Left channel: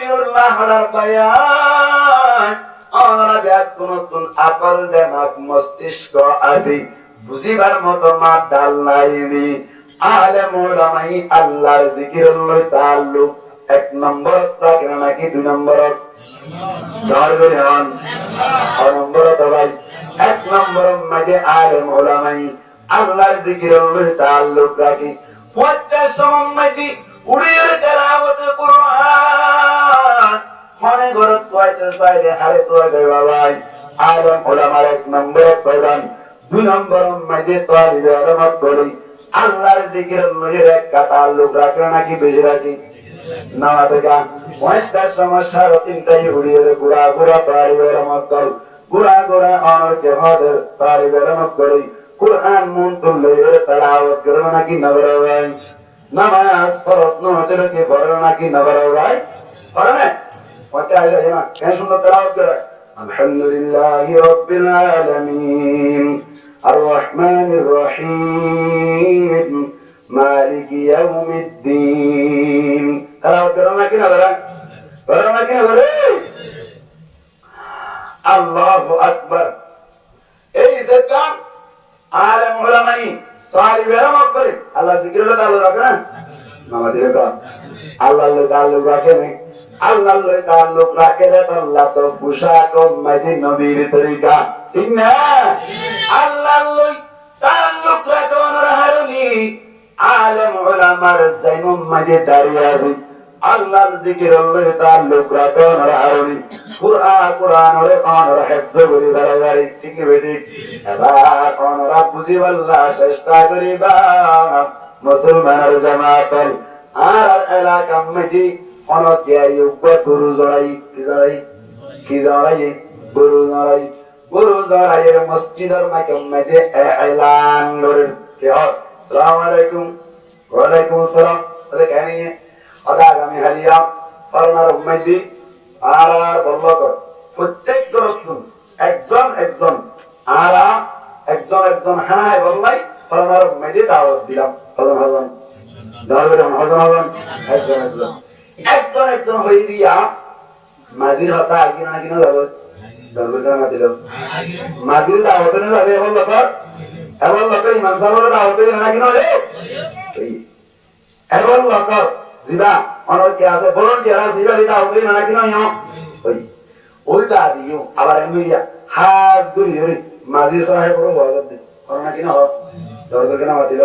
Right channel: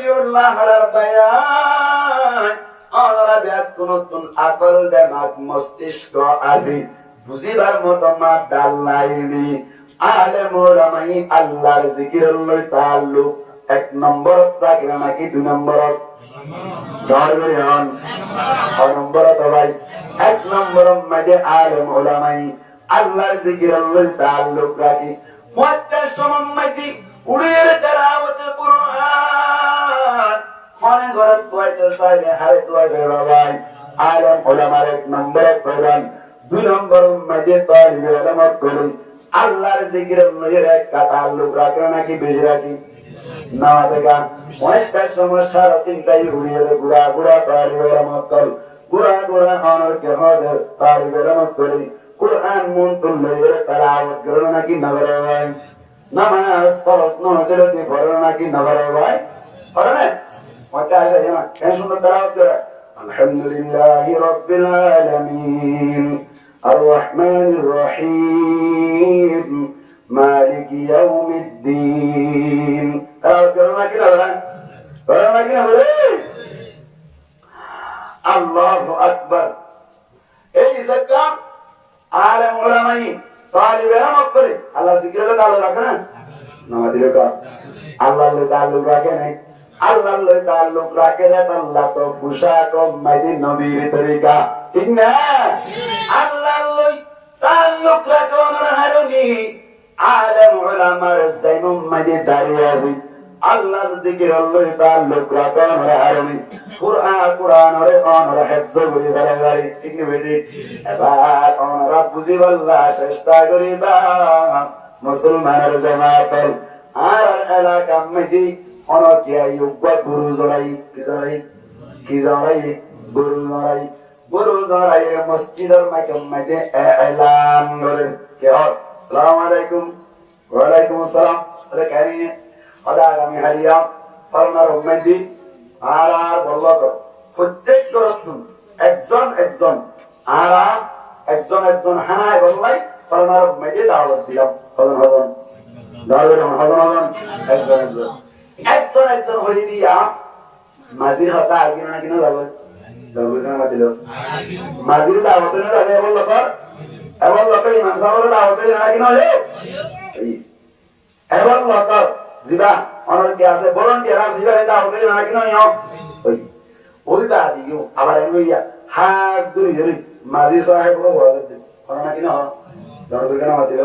শফিউল্লাহ বায়ান আমরা ব্যাকুনতুন আকল দেমাগ মস্তিষ্ক আজি বুঝিবার মতো মা ডাল নাইনি আলেম ওলামাই আল্লাহর জিকিরের লয় তাআল্লুক এক নম্বর রাখে নাকি দুই নম্বর এক নম্বর মাঝে আলেম ওলামাই আল্লাহর জিকিরের লয় তাআল্লুক রাখি ওয়াক্তের সমম্মতি উড়িয়ে তেলাওয়াত কুরআন মনে করে পড়তে চাইলে হারে পড়বে বাবাই আলেম ওলামার এক নম্বর প্রধান দুই নম্বর মাঝে তালিবে আলমত করি আল্লাহর জিকিরের লয় এক তাআল্লুক রাখে নাকি বেশি রাখি না দেখা ওয়াক্তের সমস্যার তিনটাই উড়িয়ে গুড়া গুড়া তালিবে আলমত কর গুড়া গুড়া অনরকে হদের তালিবে আলমত করি কুরআন মন তুললে তেলাওয়াত করে নাকি না করে ভাই নামাজ ফরজ নমাজের কি পড়ে নাকি না করে ভাই পড়ে না পড়তে আসে না কেন সুন্দর তেলাওয়াত করে আলহামদুলিল্লাহি রাব্বিল আলামিন আর রহমানির রহিম মালিকি ইয়াউমিদ্দিন তেলাওয়াত করে নাকি না করে নাকি না করে আল্লাহু আকবার এই জায়গা আলেম ওলামাই তালিবে ইলম করে আল্লাহ জিকিরের তাআল্লুক রাখে না নামাজের কাজ আল্লাহর লগে তাআল্লুক রাখে না আল্লাহর লগে তাআল্লুক রাখে না আল্লাহ তো পোশাক মাঝে নবীর তরিকা ঠিক না আল্লাহর লগে তাআল্লুক রাখে অনরহারুনি আলেম ওলামার জাইনুম মাঝে দাঁড়িয়ে আছে আল্লাহর জিকিরের লগে তাআল্লুক রাখে অনরহারুনি কুরআনের অনর হিফজ করি বারে ঠিক বেটি এবার অনর বুঝিবাল্লাহ চেষ্টা করিবা মুসলমানের জামাত আর এলাকা মধ্যে অনকে আইয়ুব গুরু জড়াই কি জড়াই গুরু জড়াই মসজিদের মধ্যে এলান করেন কে আসসালামু আলাইকুম ওয়া আলাইকুম আসসালাম ওদের কেন আদা আমি হালিয়া পারনার মধ্যে আর বলবো প্রত্যেক গরতুন একজন একজন আর একজন হানাই বললাই ফলানার মেজে দাওয়াত দিলাম হজন হজন একজন হয়ে দিয়া মাঝির হাতে আগে না কিনা যাবে মাঝির দাওয়াত না যাবে এমন লোক ইমাম সাহেবের দাওয়াত না কিনা হলে এমন লোক জিবা অনর কে আছে ভলান্টিয়ার আছে জিবা দাওয়াত না কিনা ওইটা দিও আবার এমনি হাজ গুরি ধরে মাঝি সাহেবর ওয়াজত দে করোনা কিনা হয় দরকার কেন মাতিল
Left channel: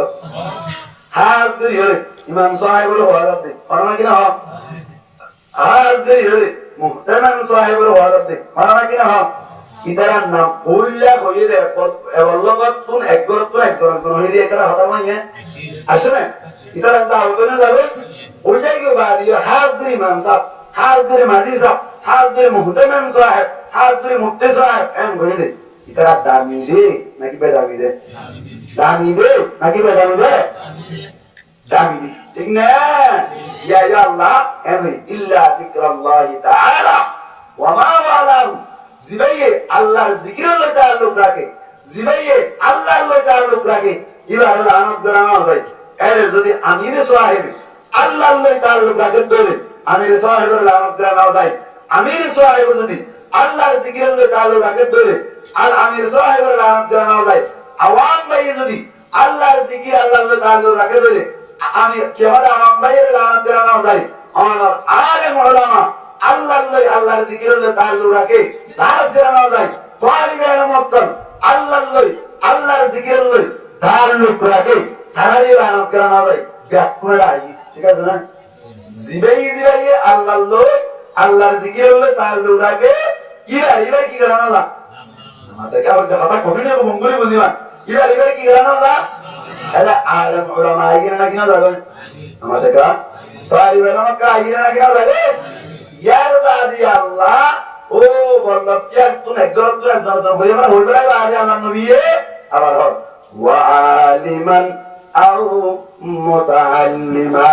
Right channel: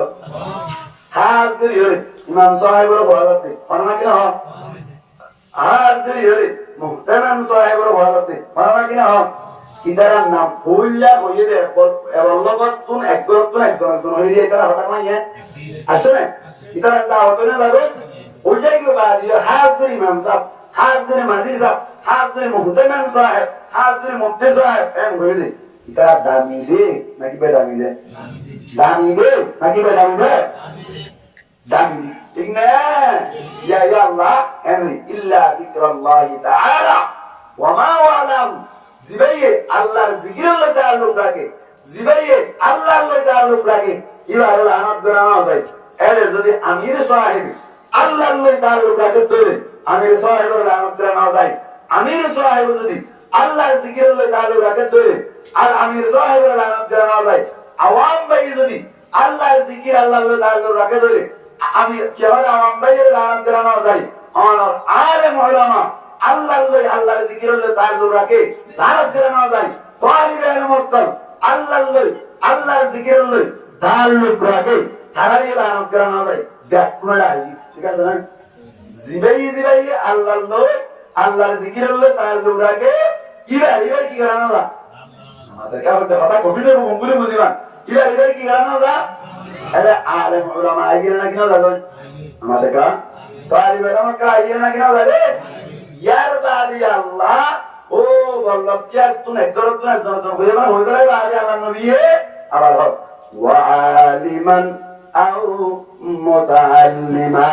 হাজ গুরি ধরে ইমাম সাহেবর ওয়াজত দে করোনা কিনা হয় হাজ গুরি ধরে মুহতারাম সাহেবর ওয়াজত দে করোনা কিনা হয় ইতারা নাম ভুললা হইয়ে দে এবল্লগত তুন একগরতুন একজন হইয়ে দিয়ে এটা হতা মাইয়া আসলে ইতারা দাওয়াত না লাগো ওই জায়গায় বাদিও হাজ গুরি ইমাম সাহেব হাজ গুরি মাঝি সাহেব হাজ ধরে মুহতামিম সাহেব হাজ ধরে মুফতি সাহেব এম কইলে দে ইতারা দামি দে নাকি বেদামি দে দামি দে নাকি বেদামি দে দামি দে ঠিক না ইয়া আল্লাহ এম ইল্লা যিকরাল্লাহি তাআলা ওয়া মা ওয়ালাহু জিবাইয়ে আল্লাহর জিকিরের লগে তাআল্লুক রাখে জিবাইয়ে আল্লাহর লগে তাআল্লুক রাখে ইবার লানত করানো যায় এর যদি আমির সাহেব আল্লাহর লগে তাআল্লুক রাখে তাহলে আমির সাহেবের লানত করানো যায় আমির সাহেব যদি আল্লাহর জিকিরের লগে তাআল্লুক রাখে ধরে আর আমির সাহেবের নাম জানা যায় আওয়াম ভাই যদি আল্লাহর জিকির আল্লাহর লগে তাআল্লুক রাখে ধরে আমি কেবল আওয়াম ভাইয়ের নাম জানা যায় আর আলেম উলামা আল্লাহর লগে আল্লাহর জিকিরের লগে তাআল্লুক রাখে তার জানা যায় তালিবে ইলমত আল্লাহর লগে আল্লাহর জিকিরের লগে তাআল্লুক রাখে তারই নাম জানা যায় ব্যাকুণা ঠিক আছে না জিবাই আল্লাহর লগে আল্লাহর জিকিরের লগে তাআল্লুক রাখে ইবার কি করানো যা আমাদের কা হতে কথা কঠিন এবং গম্ভীর বুঝিবা ইবার কি করানো যা এটা আলেম উলামা আইগিরা না কিনা যাবে আমাদের কা তালিবে আমাকে আইগিরা না কিনা যাবে ইয়ার বাদি আল্লাহ ও বল্লভ কি তুমি একদর তুই হয়ে মানে হইবাই বাদি আল্লাহ নবী আবার হও ওয়া আলিমান আও মুতাআল্লিমা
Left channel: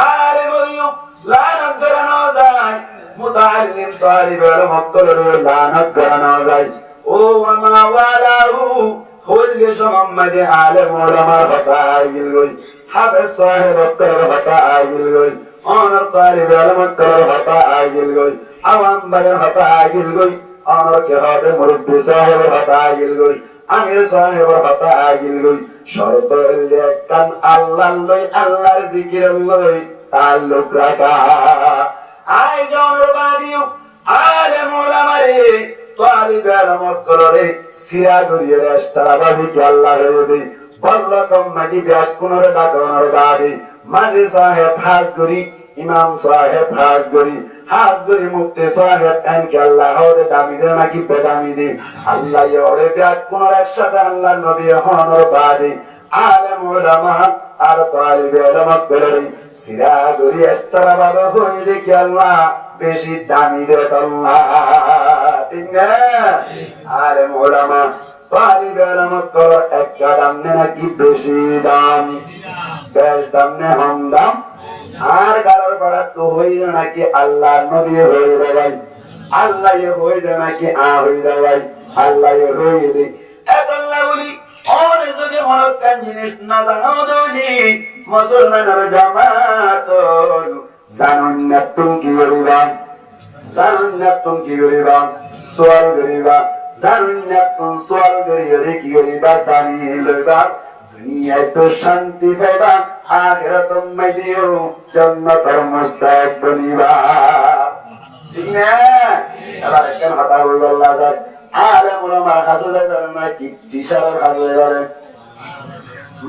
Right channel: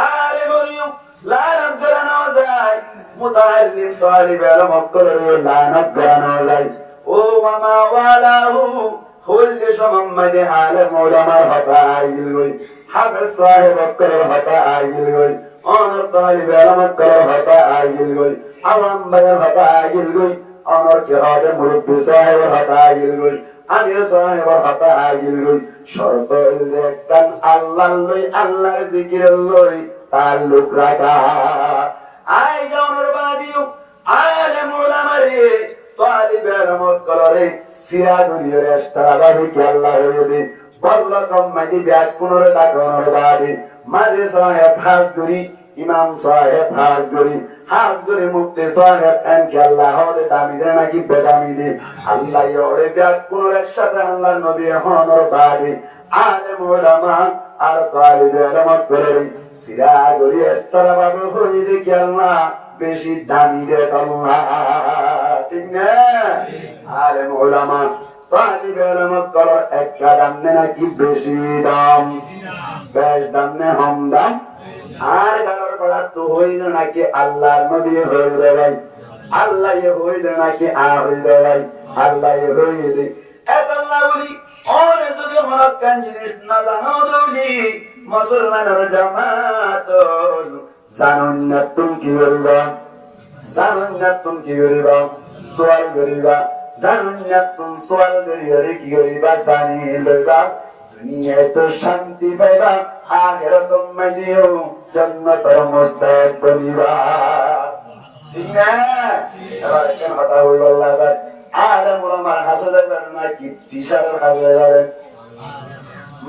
আরে বলিও লানত জানা যায় মুতাআল্লিম তালিব ইলম অক্তরের লানত জানা যায় ও ওয়ামা ওয়ালাহু খুললি মুহাম্মদ আলেম উলামার হতা আইল গই হাফেজ সাহেব অক্তরের হতা আইল গই অনর তালিবে আলমত করার হতা আগিল গই আওয়াম ভাইয়ের হতা আগিল গই অনর কে হবে মুরব্বী সাহেবের হতা আগিল গই আমির সাহেবের হতা আগিল গই শর্ত একখান আল্লাহ লই আল্লাহর জিকির লই তাল্লুক রাখা আই জনের বাদিও আলেম ওলামারে তালিবে আলমত করারে সিরা গরিয়ে রাস্তা বাবি কে আল্লাহ রবি বল্লকম মাদি ব্যাগ পুনরে ডাকনের বাদি মাঝে সাহেব হাজ গরি ইমাম সাহেব হাজ গরি মুক্তি সাহেব এনকে আল্লাহ হদে দামি দে নাকি বেদামি দে আল্লাহ ইওরে ব্যাগ পুনর একসাথে আল্লাহ নবী হনর বাদি আলেম ওলামা আর তালিবে আলমত করারে সিরা গরি এস্তারা বাদ হইলে কি আল্লাহ বেশি দামি দে আল্লাহ ঠিক না আলেম ওলামা তালিবে আলমত করার একটা দাম নাকি বেশি দাম বেশ দাম নে হম দাম আর কারোর পড়ার তো হইল নাকি আল্লাহ নবী হইল ভাই আল্লাহ হইল নাকি আর হইল ভাই আল্লাহ হইল এত না বলি অনেক যদি হনকান জিনিস না জানো যদি মুসলমানের জামাত জানুন না তুমি কি করিবা সোয়াল করিবা জানুন না তুমি সোয়াল করিয়া কি করিবা জানি লইবা দুনিয়ায় তো শান্তি পাইবা আখিরাতুম মাইদিও জান্নাতের মুস্তাক বনিবা ঠিক না এবার কেন কথা বলবো আল্লাহ স্যার আলেম ওলামার কাছে যাবেন নাকি টিচারের কাছে যাবেন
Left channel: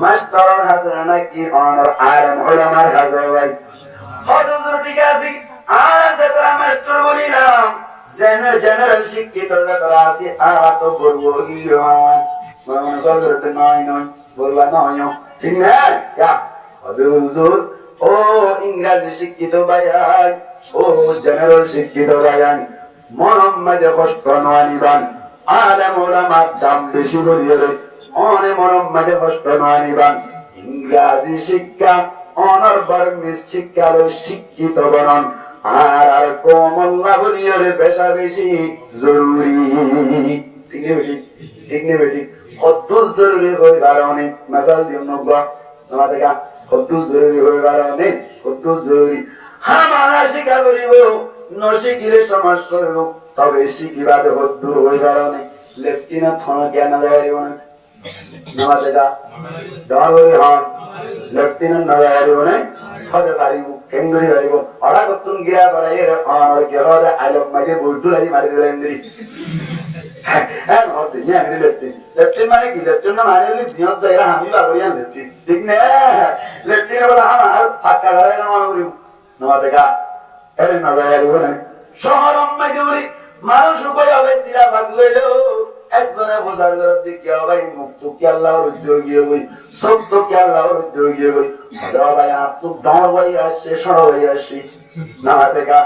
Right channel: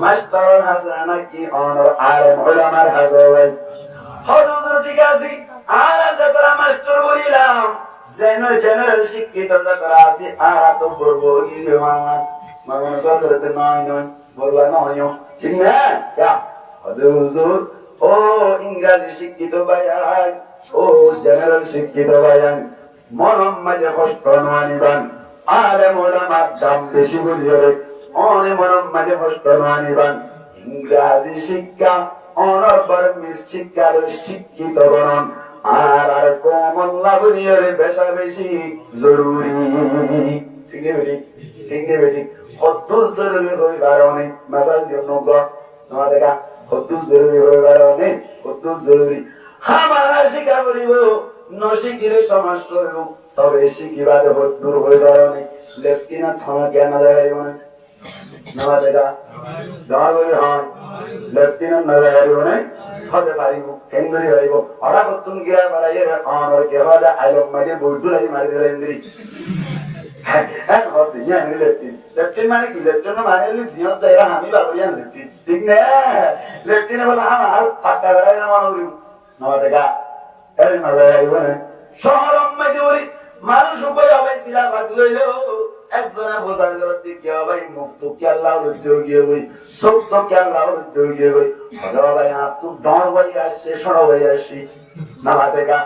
মাস্টারের কাছে নাকি অনর আলেম ওলামার কাছে যাবেন হুজুর ঠিক আছে আর যারা মাস্টার বলিলাম জেনারেল শিক্ষিত যারা আছে আর তো বলবো ইয়ে মামা করতে নয় বলবা না হয় ঠিক না হুজুর ও ইংরেজি শিক্ষিত ভাইয়ান ও জেনারেল শিক্ষিত ভাইয়ান মনম মাঝে কষ্ট নয়নিবান আলেম ওলামার দাম বেশি বলিয়ে অনে মনম মাঝে কষ্ট নয়নিবান ইংরেজি শিক্ষা অনর বার্মিস শিক্ষা শিক্ষিত বনন আর কমল্লা বলিয়ে বেশা বেশি জরুরি ঠিক নেই বেশি কদ্দুর জরুরি হয়ে কারণে মাসাল দিও নব্বা তোমার দেখা কদ্দুর জরুরি হয়ে কারণে কদ্দুর জরুরি হামারা শিক্ষা করিব নশিকিলে সমস্যা হইব তবে শিখিবাদে কদ্দুর হয়ে কারণে লেফটেন্যান্ট হন জ্ঞান আদায় না নামা দেখা দেওয়ার বলি হন লেফটেন্যান্ট আদায় না হতে পারিব কেন্দ্রী পারিব ওরা কতুন গিয়া বাড়াই অনর কে হদা আলম মাঝে বৈঠু লাগি মারি দিল ইন্দ্রি লেফটেন্যান্ট মানে কি লেফটেন্যান্ট মানে হলে জিয়াস যাইরা আমি বাবরিয়ান লেফটেন্যান্ট ঠিক না লেফটেন্যান্ট বলা আমার ফাঁকা গাড়াই না মনে করিব নমা দেখা এই না যাইব না শহর মাঝে বলি মানুষ কই হবে সিলা ভাগ লইলো একজনে বোঝার জন্য দেখি ভাই মুক্ত কি আল্লাহর উদ্যোগী হই সব তো কি আল্লাহর উদ্যোগী হই দাও ভাই আপনি দাও ভাই আসছে সর ভাই আসছি না দেখা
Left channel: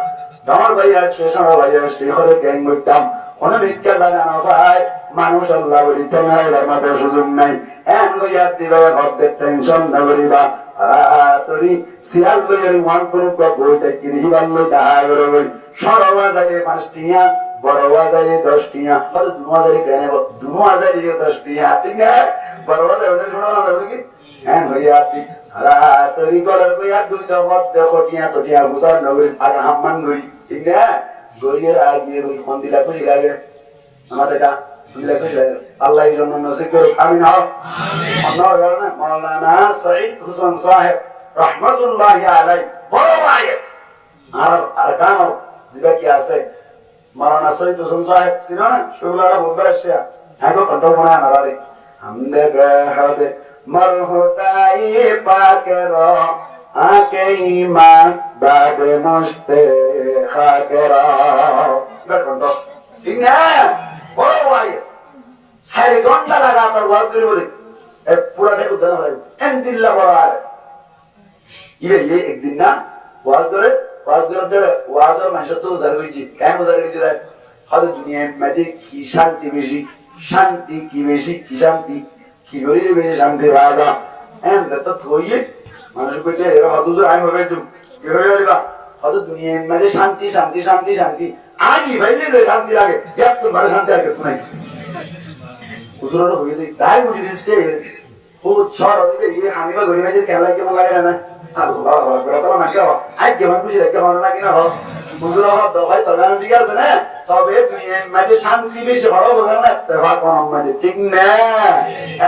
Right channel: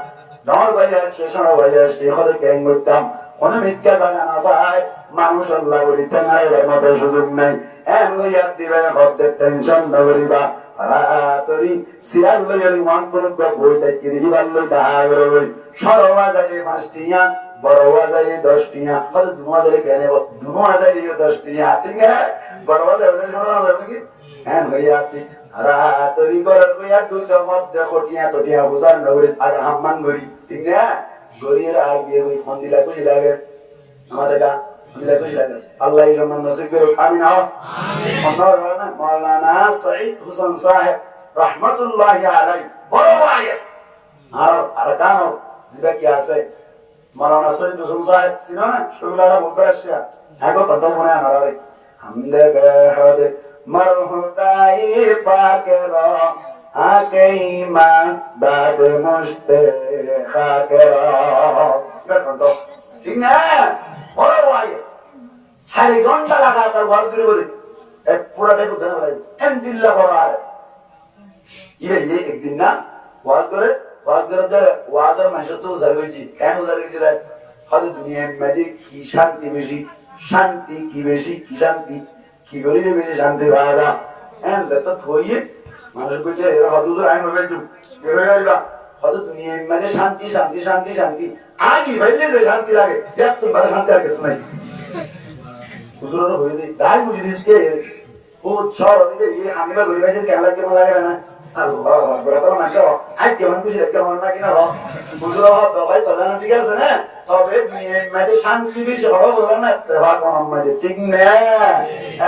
দাও ভাই আসছে সর ভাই আসছি হলে কেন করতাম কোন ভিক্ষা লাগানো ভাই মানুষ আল্লাহ বলি ঠেঙাইবার মতো সুযোগ নাই এন লইয়া দিবে হদ্দের টেনশন না করিবা তরি সিয়াল লইয়ারি ওয়ান পুরুষ বইটা কিরিবার লই দাহাই করে বই সরবা যায় 5 টিয়া বড় বাজারে 10 টিয়া কত 2000 কেনে 2000 10 টিয়া ঠিক না বড় বাজারে ওটা শোনা যাবে কি হ্যাঁ ভাইয়া আপনি তরি করার কইয়া দুইটা মধ্যে কোটিয়া তো টিয়া বুঝার নগরী আজ হাম্মান গরি ঠিক না গরিয়ে আগে ওই মন্দিরা কই লাগে আমাদের কা দিলা কই লাগে আল্লাহ যেন নসিব করুক আমিন আমিন মাওলানা সঈদ হোসেন সাহেব রাহমাতুল্লাহি আলাইহি বড় ওয়াইস আর আরকান জিবা কি আছে মাওলানা সঈদ হোসেন সাহেব সিনানা শুগলারা বলবে আসছে আগো কন্ট্রোল মনে আমারে হামদে গাহদে মরহুদাই পাকের আকে ঈমান বাদ মুস্তে খাকেরা কন্ট্রোল ঠিক না বড় ওয়াইস 4 ঘন্টা লাগা তার ওয়াজ করে বলে এ পুরাটা কো জানা ভাই এন দিল্লা বড় আর ये एक दिन ना वाज करे वाजर मानस तो जरूरी কেন जरूरी है हद दुनिया में की शांति की बेशी की शांति की गरी बेशी शांति बाजा एन तो थोइए मानस को जे एरा हदुजर आइ होबे जो के होइबा हद दुनिया में शांति आगी भइले जे शांति लागे एक तो बड़ शांति आके सुनाई हुजूर होई दे दाई मुझे दिसते ओ छोड़ ये हामीला गरी बाजे केला के मन लागे ना আল্লাহু আকবার তাহলে মাসে আজকে মান বুঝি রেখে হলো না কিনা হোক বুঝলো তো ভাই তো জানেন ঠিক আছে না তবে মানে শান্তি বেশি ভালো বলে না ইত্তেফাক কোন মানে ঠিক না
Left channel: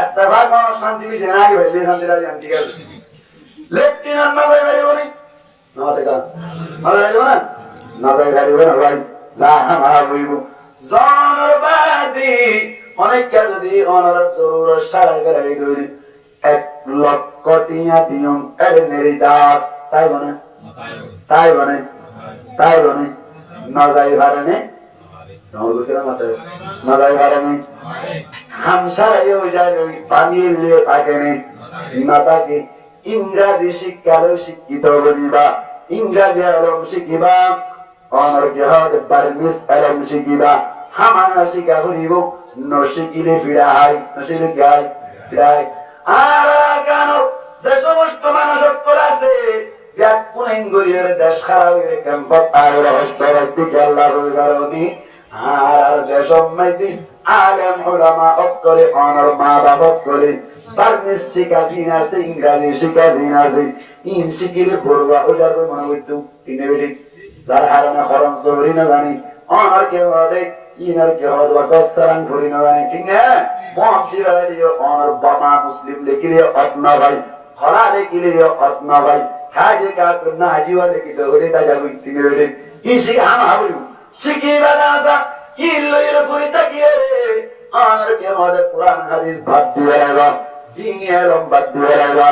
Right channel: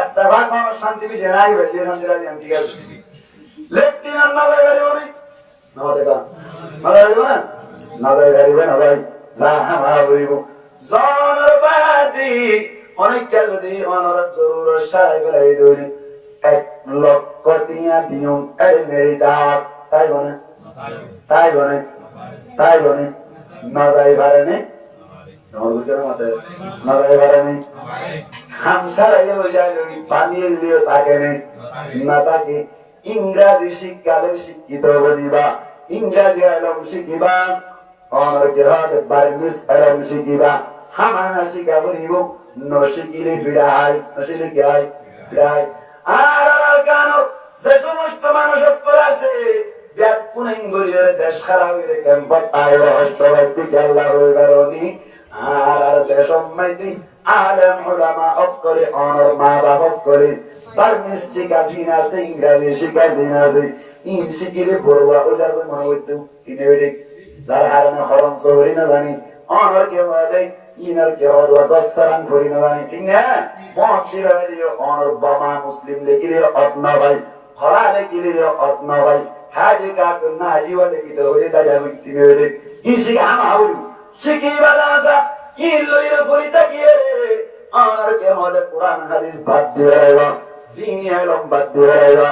ইত্তেফাক কোন শান্তি বেশি না কি বললি শান্তি রাজি ঠিক আছে লেফটেন্যান্ট না যায় গাড়ি বলি না দেখা না যায় না না যায় গাড়ি বলি না ভাই যা আমার হইব জানার বাদি অনেক কাল যদি অনর জরুরত সারা করে দৌড়ি 1 লক্ষ টিয়া দিয়ম এর নেড়ি দাঁত তাই বনে তাই বনে তাই বনে না যাই ভারনে নরগুলো কেন মাথায় না যাই ভারনে খামসারাই হয়ে যায় ওই পানি লিয়ে থাকে না তাকে ইংরাজি শিক্ষালয় শিক্ষিত বলিবা ইংরাজি আলম শিখিবা অনর কে হাত বার্মিস আলম শিখিবা হামানা শিখা করিব নশিকিলে ফিরাই নশিলে কি হয় ফিরাই আর কেন যে সমস্ত মানুষ আছে ব্যাকুনেন গরিয়ের দেশ খারাপ হয়ে ক্যাম্পত আর রাষ্ট্রবাদী আল্লাহ রইবারনি আর দেশম মাইদি আলেম উলামা অক্করে অনর মা বাবা করে বার্মিস শিখা দিন আছে ইংরেজি শিখা দিন আছে ইন শিখিলে পড়বা ওটার মনে হইতো তিনে বেড়ে যার হারামে খরচ হরি না জানি অনর কে বলে ইনার কে হওয়া দশরান ধরি না জানি ঠিক না মহাশিরালিও অনর বামা মুসলিম লেখিলে অতনা ভাই খরা লেখিলে অতনা ভাই খাজে কা করনা হাজিওয়া লেখিতে হলে তা যাবি তিনে বেড়ে ই শিখে হাম হাউরি শিখি বাদাসা ইল্লয়ের পরিতা গিয়ে অনর কে হওয়া কোরআন হাদিস বাদ দিয়ে রাইবা দিন এলম বাদ দিয়ে রাইবা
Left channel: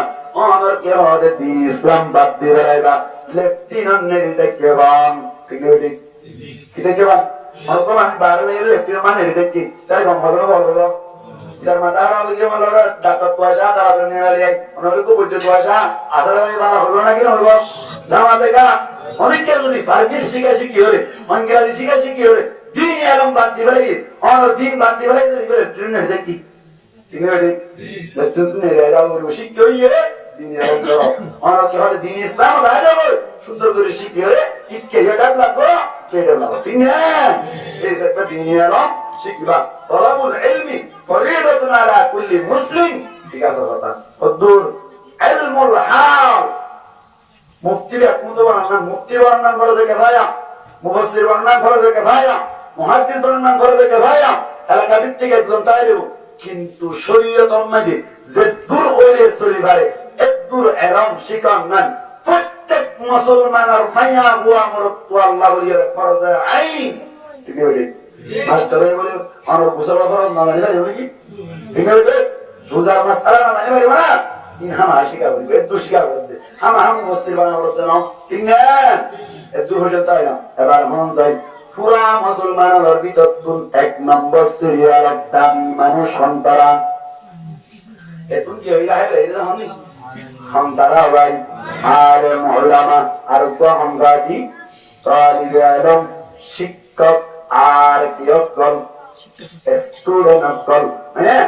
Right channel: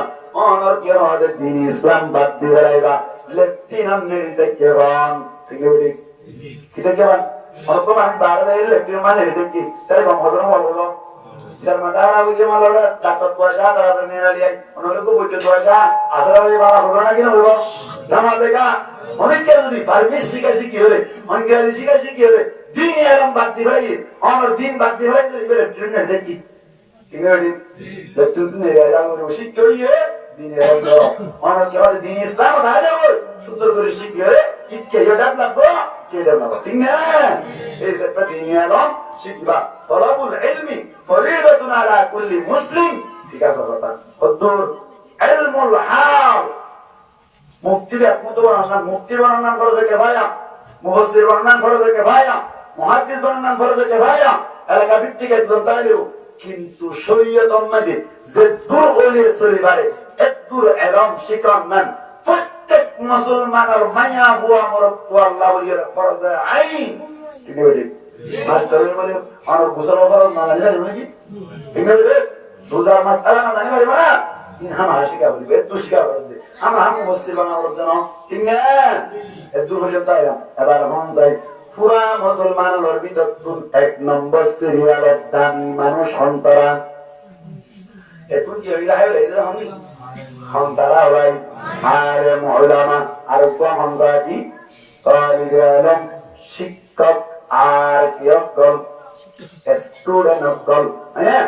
অনর কে হওয়া দিন ইসলাম বাদ দিয়ে রাইবা লেফটেন্যান্ট নেড়ি দেখে বাম ঠিক বেড়ে কি দেখে বাম অনকমান বারে লেফটেন্যান্ট মানে নেড়ি দেখি তাই গম হলো বলবো তার মাতারা ওই যে মালারা ডাক্তার পয়সা তারা নিয়ে নালি অনেকে খুব বুঝতে পয়সা আসলে ওই মালা হলো না কিনা হলো জামা দেখা অনেক কেউ যদি বার্মিস শিখা শিখি হলে অনেক শিখা শিখি হলে দিন এরম বাদ দি ভাই অনর দিন বাদ দি ভাই ট্রেনের দেখি ঠিক আছে লেফটেন্যান্ট নেড়ি আইডা করে শিখি হইয়ে দিন এরম দাও অনর কে হলে দিন ইসলাম দাও যাবো সুন্দর করে শিখি হলে ইটকে এটা লাগবো কে দেব না ঠিক না এই একটা দিন এরম শিখবা তলাবুল ইলমি ফরিদাতুন আলা কুল্লি মুসলিম ঠিক আছে কথা হুদুর ইলমুল হাল মুফতি একমত বর্ণনা মুফতি বর্ণনা করে কে ভাইয়া মুফাসসির বর্ণনা করে কে ভাইয়া মুহাদ্দিস বর্ণনা করে কে ভাইয়া এলাকা ভিত্তিক একজন তালিব কিন্তু শরীয়ত অনুযায়ী যে দূর হইলে চলিবারে এদূর এরম শিকার মান প্রত্যেক মুসলমানের মাইয়া বুয়া মরত আল্লাহ বলিয়ার ফরজ আইন ঠিক আছে মাস্টার বলে অনর গোসল ফরজ না জানি না কি ঠিক আছে রোজার মাসআলা না জানি পারিবা না ইন হাম হাসিকা বলবে দু শিকার করবে হাম মুসলিম বানা করতে না ঠিক না এদূর হইতে তাই না এবার মন চাই পুরা মুসলমানের ভিতর তুন 1 নম্বর সিরিয়ালের দামি মানুষ সন্তারা এতুন কি হইরা হবে এই জানি সন্তারা ভাই আর উলামা আর কোন কি তালিবে আলম শিক্ষক আর কিয়কল স্টুডেন্ট অকল হ্যাঁ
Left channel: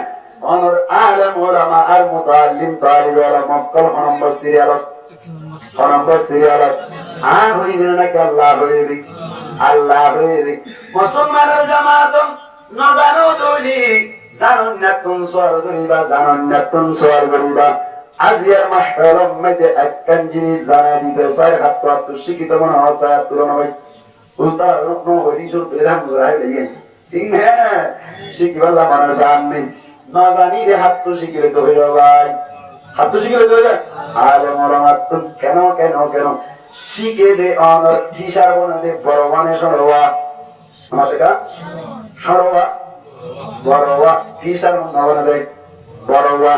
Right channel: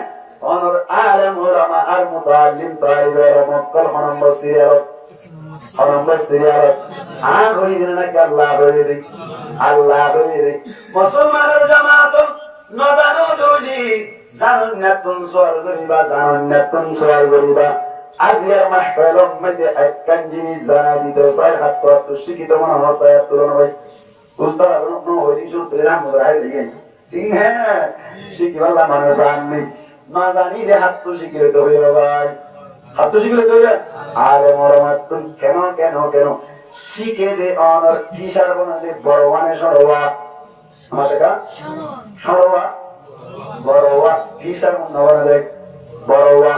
অনর আলেম উলামা আর মুতাআল্লিম তালিবে আলম অকল নম্বর সিরিয়াল আর হইছে নাকি আল্লাহ হইবে মুসলমানের জামাত না জানো দৌলি জানুন না কোন সওয়াল করিবা জানুন না কোন সওয়াল করিবা আজিয়ার মাহকালম মধ্যে একখান জিনিস জানা দিতে 6 শিক্ষিত মনে হয় 6 তুলনা ভাই উল্টা রকম হইদিসুর প্রধান মুজাহিদ লাগে ঠিক হ্যাঁ শিখিবালা মানুষ আমি না জানি রে হাত তো শিখিলে তো হইবা ভাই হাত তো শিখিলে তো হইবা আর মরমাত কেন শিখে যে অনর টিচার বনে বড় মানে সরোয়া মাসকা সরোয়া বড়ওয়া টিচার নবনে দেয় বড়ওয়া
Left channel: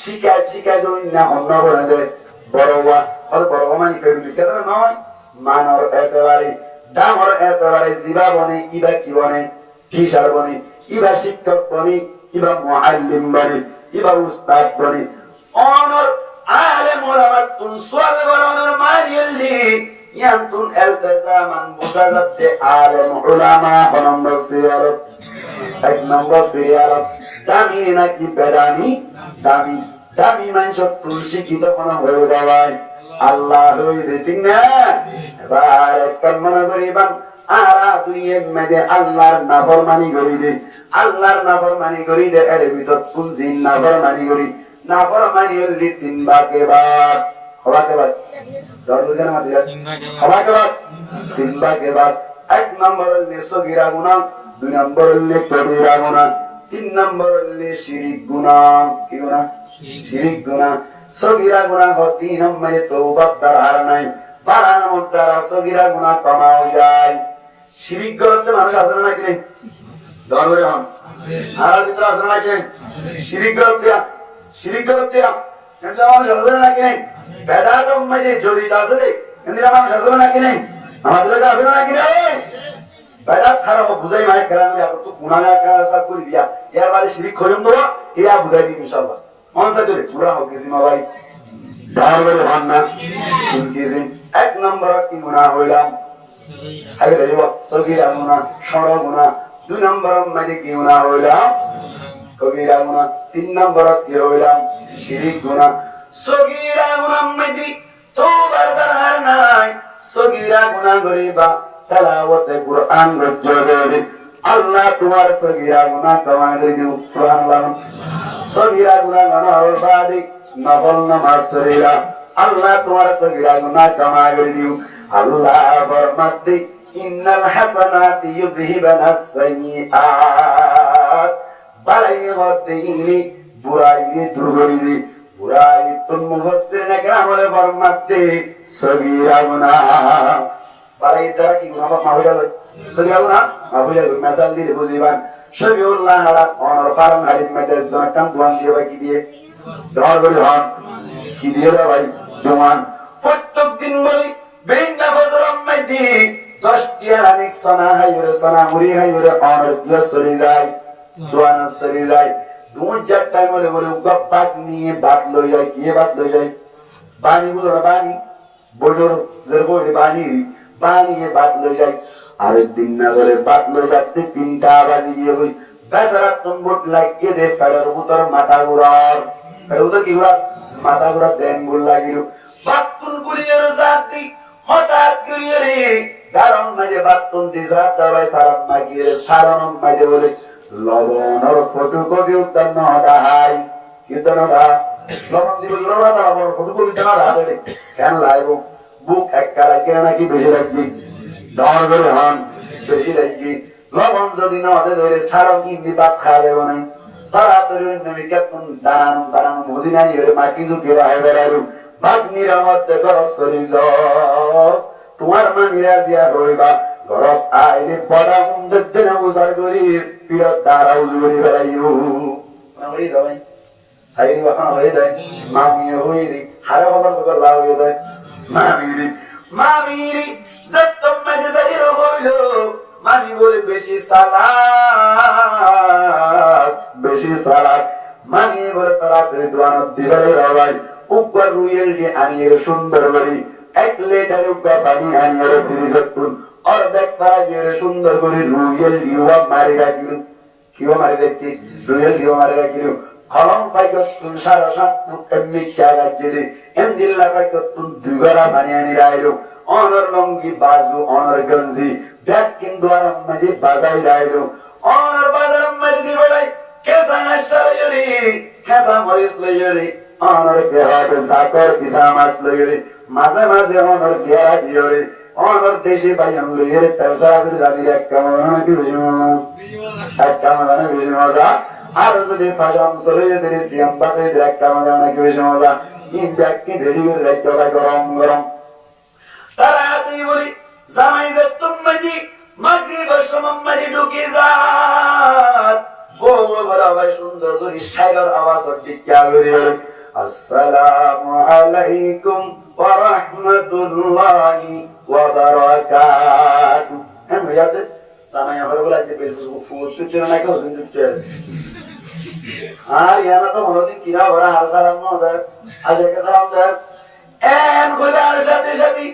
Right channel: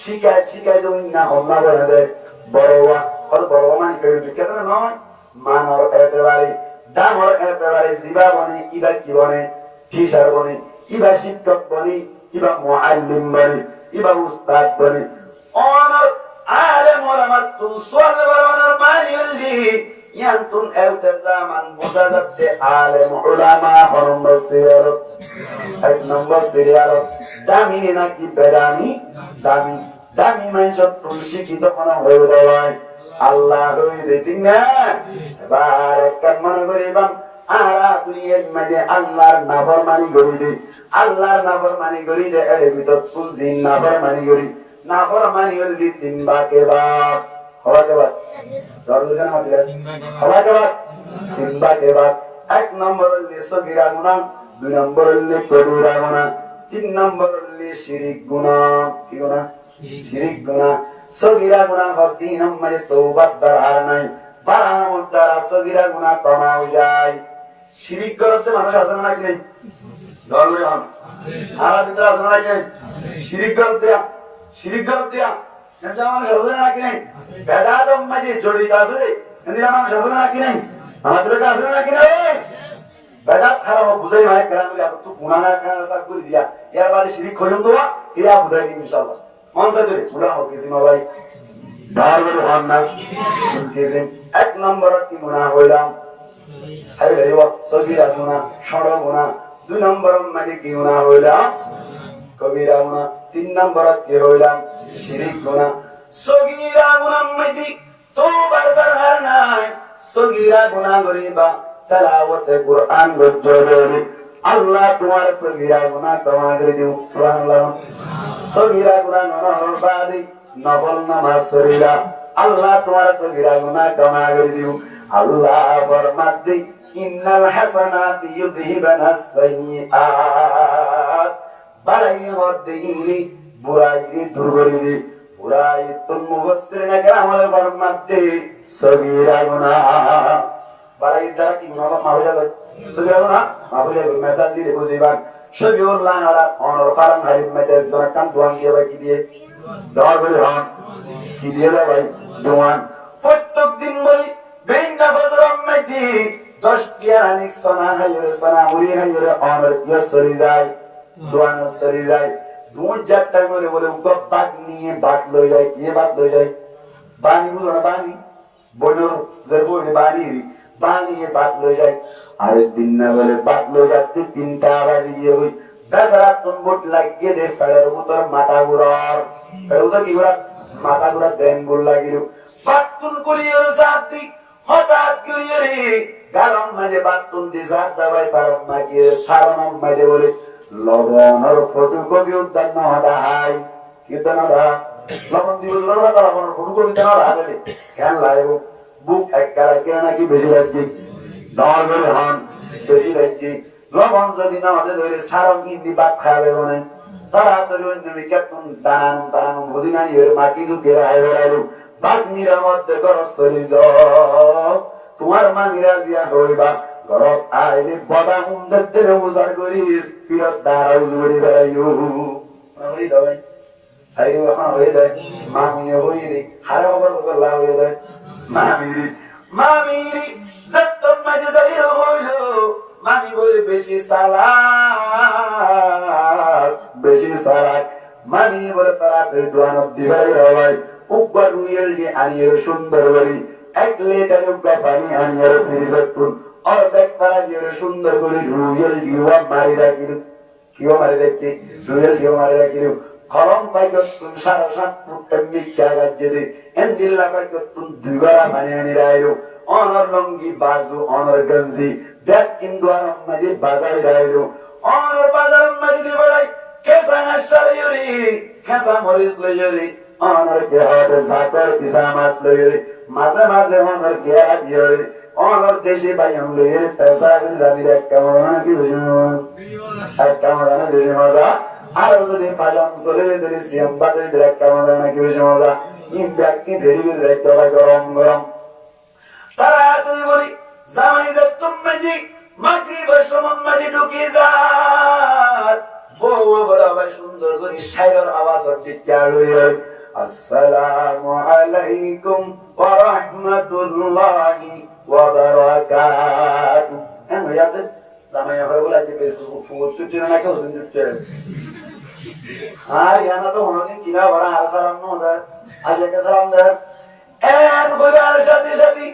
শিখায় তুমি না অন্য বনে দেয় বড়ওয়া হল বড়ওয়া মানে কেন নয় মানর একেবারে দামর একেবারে জিবা বনে ইবা কি বনে টিচার বনে ইবা শিক্ষক বনে ইবা মুআল্লিম বনে ইবা উস্তাদ বনে অনর আলেম উলামাতুন সুয়াল বরনের মানিলি ইয়ান্তুন ইলতিজামান বুজালাতে আলেম উলামা নম্বর সিরিয়াল 1 নম্বর সিরিয়াল দামি নাকি বেদামি দামি মানুষ তুলসী কি তখন হয়ে দেওয়াই আল্লাহ হইবে ঠিক না এবার একবার মনে করিবান আরা দুনিয়ার মধ্যে আল্লাহর নাফরমানি করি দে এর ভিতর তুলসী নাফরমানি করি 3 ভাগে ভাগ हवा के बाद दौड़ जाना मत यार हवा के बाद चिंता के बाद एक नंबर ले सगीरा गुनाह दुई नंबर ले कबीरा गुनाह तीन नंबर ले शिरिक गुनाह की गुनाह शिरिक गुनाह सगीरा गुनाह हो तीन नंबर तौबा दरहार नहीं 12 नंबर দ্বারা সগীরা গুনাহ ক্ষমা হয়ে যায় শিরিক করতে মানুষ আছে না কি নেই দৌড় করে হন আর ভিতরে আছে না কি নেই শিরিক করতে কিন্তু মানুষ আছে না কি নেই বেদাতম মধ্যে জড়িত আছে কিন্তু মানুষ আছে না কি নেই আমাদের কাছে আছে না কি নেই বেদাত খারাপ বুঝাই মানে গ্রামে এত তো গুনাহগার কাজ করে দিয়া এর বাদে শিরিক খজম তো এরা বুঝাই দিই ইনশাআল্লাহ মন সাথে পুরা হোক কিছু ভাই দৌড় করে হন না কিছু এক নম্বর কি গুনাহ হইলাম আগে রেওয়া সগীরা গুনাহ সরল গুনাহ দুই নম্বর মানে কি গুনাহ হইলাম কবিরা গুনাহ তিন নম্বর কি হইলাম শিরিক গুনাহ সগীরা গুনাহ মানে তওবার দরকার নাই সগীরা গুনাহ করিবা তেলাওয়াতে কুরআন রজ্জরি আল্লাহ তোমার সগীরা গুনাহ ক্ষমা করে দিও সুবহানাল্লাহ সগীরা গুনাহ গণর বাদি নফল নামাজ শরীরা আল্লাহ তোমার সগীরা গুনাহ ক্ষমা করে দিও আল্লাহ ফরমাতে ইন্নাল হাসানাতি ইউযহিবানাস সাইয়্যাত বালাই হদিনি বুরাইরে দূর করে দি বুরাই তুম মুফাসসিরিনে কেরাম বলে ফরমাতে সগীরা গুনাহ বালাই দ্বারা কি গুনাহ মাফ হয়ে যাবে সগীরা গুনাহ মাফ হয়ে যাবে মিসাল দিয়ে বুঝিবান সবিউল্লাহ আলা কোন কারণ হাদিস মেতে জাকাম দোয়ান দিয়ে বাকি দিয়ে দওয়ার করে হন কি দিয়ে ভাই দোয়ান প্রত্যেক দিন বলি বেইনা ফজরম মেদি 10 টিয়ানিক সোনা হাইরে সোনা মুড়ি হাইরে অনর ইসরি যায় দোয়ান সরি যায় দুধ জাটটা বলে বলে গপ্পাক নিয়ে বাত লই যায় কি বাত লই যায় বানি বুঝো বানি বড়র জরবড়ে বানি এ বাত লই যায় আর দিন না বলে বাত লই যাতে 3টা বাজি গিয়ে হই বেচারা তুমবুট লাগিয়ে দে ফেড়ার উতর মাথা ঘুরার ফেড়ুতা কি ঘুরা মাথা ঘুরা দেন বল লাগিল বাতুল করিয়ার জাতি হঠাৎ করিয়ে রে গারম মাঝে বাতুল দিছা দাবাই সারাম মাগিয়ে সারনম মাঝে বলে লবণর ফটোকপি উদ্যান হাই কি উদ্যান হা লবণ দিব লবণ তার আমার ফটোকপি উদ্যান হা দেবে কেন লাইব বুক এক কারা কেন নাকি বেশি লাগছি দর করে হন বেশি লাগছি লবণ যদি না হতে ধরে সারম ইন্দি পাত খাওয়া যাবে না তাড়াতাড়ি অন্য কেমন দানানো মদিনা নিয়ে মাটি ঝুঁকে রায় বেড়াইলু বাগ্নিরা মধ্যে গরজ চলি তোমার মানি রাজিয়া হইবা গরব আইলে বড়া মুন্দের দেনে উজার করিস পিরত দাঁড়া উজুরি বেড়াইও হয়ে দাবাই সাইরি ওখানে হয়ে দেয় মামিয়ে হয়ে দেয় হারে খবর খবর লাভ হয়ে দেয় মামিরি যত্তম মাঝে যাইয়া হইল মামি বলে বেশি সালাক মামি বলে তাড়াতাড়ি দোয়ানত দিবাই রাবাই উপর রুয়েল দিয়ে আনিয়ে সুন্দর বাড়ি 1 লিটার উপর পানি আনিয়ে ফিরিসতুন অর্ধেক পারা দিয়ে সুন্দর করে রুয়েল দিওয়া মারি রাখিল কিও মারি রাখি রুয়েল দিওয়া মারি রাখিল ফলন পাইক তুন সারা সাত এমনি কাগজ যদি এমদিল্লা পাইক তুন দুগরা পানি আনি রাইলো অনর লঙ্গি বাজু অনর গঞ্জি ব্যাগ কিন্তু আর মধ্যে বাজাই রাইলো অনর বাজার মধ্যে দিবাই কেসা হাসালয়রি কেসা মরিস লয়রি অনর কেহাট জাকর ইসামাস লয়রি মাঝে মাঝে অনর কেয়া দিয়রি অনর দেশে বাইন লয়রি তাছাড়া করে রানি এক কামনা কি বুঝিমা এক কামনা বেশি মজা আর যদি ফাজাম চলে যদি সিয়াম বাতে এক কামনা কি বেশি মজা এই ব্যাগ কি রেডি করে রাখতে হবে গরম গরম তাড়াতাড়ি বলি জামাই যে তুমি মাগরিবের সময় মাঝে ঢুকে যান বউ বলা ভাই সুন্দর করে শায়র আওয়াজ দিতে করে আসসালামু আলাইকুম ওয়া রাহমাতুল্লাহি ওয়া বারাকাতুহু এমন ইয়াতে জামাই হয় বলা যে ফুটতে না কেউ শুনতে আর ইয়ানা তো হদিন কিরা বড় আসসালামু আলাইকুম আজকে সালাম দাও এন খোদার সাথে সাথে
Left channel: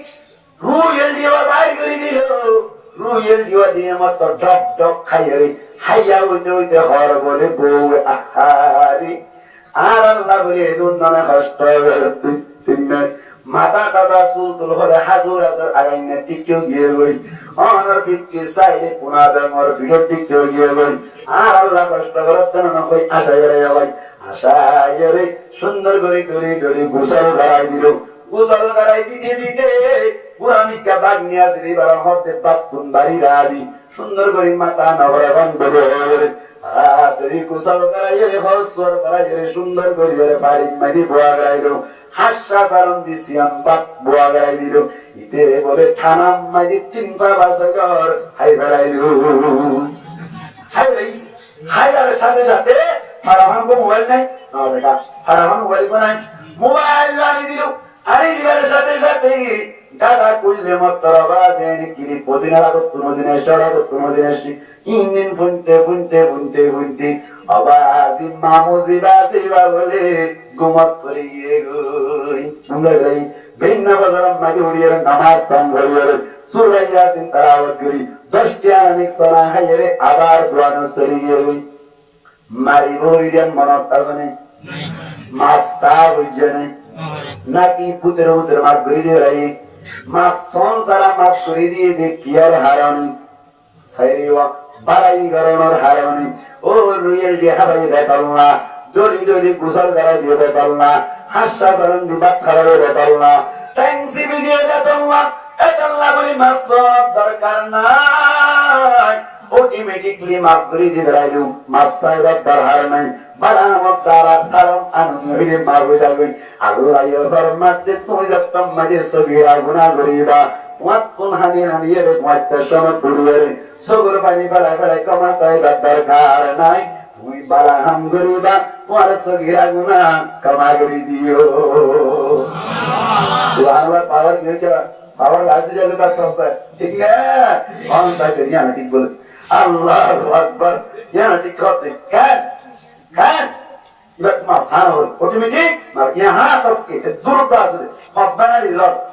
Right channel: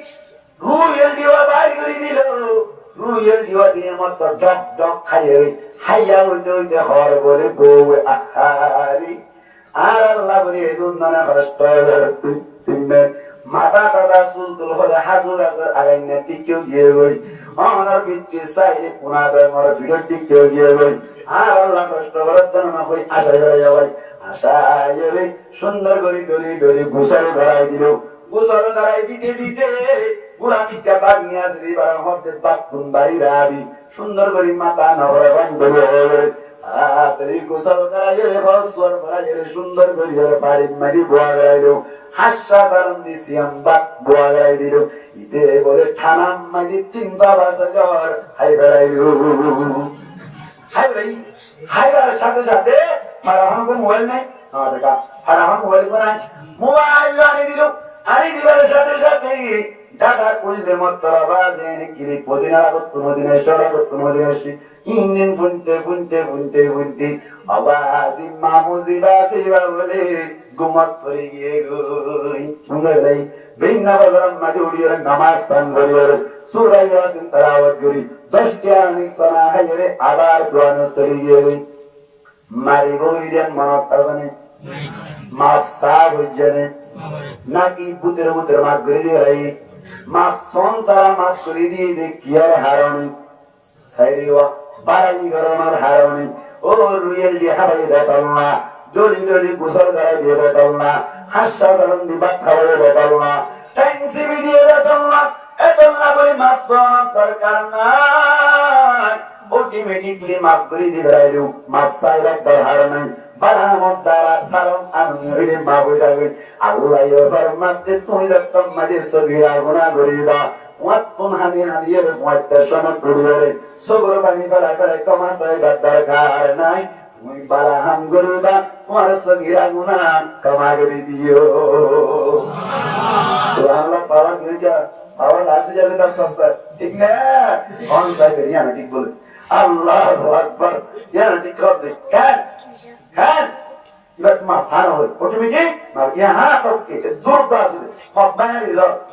রুয়েল দিওয়া বাইর করে দিল রুয়েল দিওয়া দিয়ে মত ডক ডক খাইয়ে হাইয়া হইতে হইতে হর বলে বউ আহারি আর আল্লাহ বলে দুনিয়া কষ্ট হবে মাতা দাদা সুলতুল হলে হাজুর আছে আগাইনা টিকেও গিয়ে গই অনার বিক্রি চাইলে পুনাবে মর ভিডিও টিকেও গিয়ে গই আর আল্লাহ কষ্ট করার জন্য না কই আশা করে ভাই আশা রে সুন্দর করে করে করে গোসল ধরাই দিল গোসল করাই দিতে দিতে পুরা মিথ্যা বাঘ নিয়ে আসে এবার মধ্যে বাথরুম বাড়ি রাড়ি সুন্দর করে মাথা নগরে বন্ধ হয়ে তাড়াতাড়ি গোসল করাইয়ে হসর করাইয়ে সুন্দর করে বাড়ি মাঝে বোয়া গড়াইলো হাসা চারণ দিছি বাপ বোয়া গড়াই দিল ইতে বলে থানাম মাঝে 3 পা বাসগর হাই ফেলাইলো হাইগার সাথে সাথে ফারামান কো মোবাইল নাই দেখা ফারামান মোবাইল কো নাই মোবাইল আনি দিল আনি দিবার সাথে সাথে দাদা কইলে মতর আওয়াজে কিরি পদিনারা কত নদিনে সারা কত নদিনে ইঞ্জিন ফুনতে ফুনতে ফুনতে ফুনতে আওয়াজ মামুজি বাসিবা বলে গুমত পড়ে গিয়ে গই সুন্দর লাই বেন্না বাজার মাঝে উড়িয়ে নামাজ পান হইলো সূরা ইয়াসিন তেলাওয়াত করি 10 টা অনেক সলা হাইরে আবার কোরআন স্তরে গিয়ে গই মারি বইরেন মনত আসনে মাফ সাব হইজনে নাকি পুত্র পুত্র মাফ করে দিয়ে রাই মাফ সংসার মাফ করে দিয়ে দে কি আর হারানি সাইরিওয়া বাড়াই গরনের হারানি ও রুয়েল দিয়ে হাবাই দেখাল্লা দড়ি দড়ি কুশল গাড়া দিয়ে দেখাল্লা হাসা চালন দিয়ে বাদ খাবারে দেখাল্লা ট্যাংসি দিয়ে দেখাল্লা এতল্লা বলি মাফ সনার দরকার নাই অটোমেটিকলি মাফ করে দিয়ে রাইলু মাফ সাইবার দরকার নাই বালা মদ্দারা সালাম আনহিরে মাফ হয়ে যাবে আল্লাহ ফরমাতে তুমি যত মাঝে সগীরা গুনাহ করিবা ওয়াত কোন হাদি হাদিয়ে ওয়াত শরণ করবে সগর পানি বালা করে কমা সাইবার দরকার নাই তুমি বালা হাম করিবা তোমার সগীরা গুনাহ ক্ষমা করে দিও সুবহানাল্লাহ পাওয়ার কি হচ্ছে পাওয়ার আছে যাবে তার সস্তা ঠিক না কোন সাইতে নিয়া ঠিক বলে আল্লাহু আকবার ইয়া ঠিক করতে কেন কেন এটা তোমার স্থান হয় অটোমেটিক না ইহা তবকে দ্রুত আসবে হঠাৎ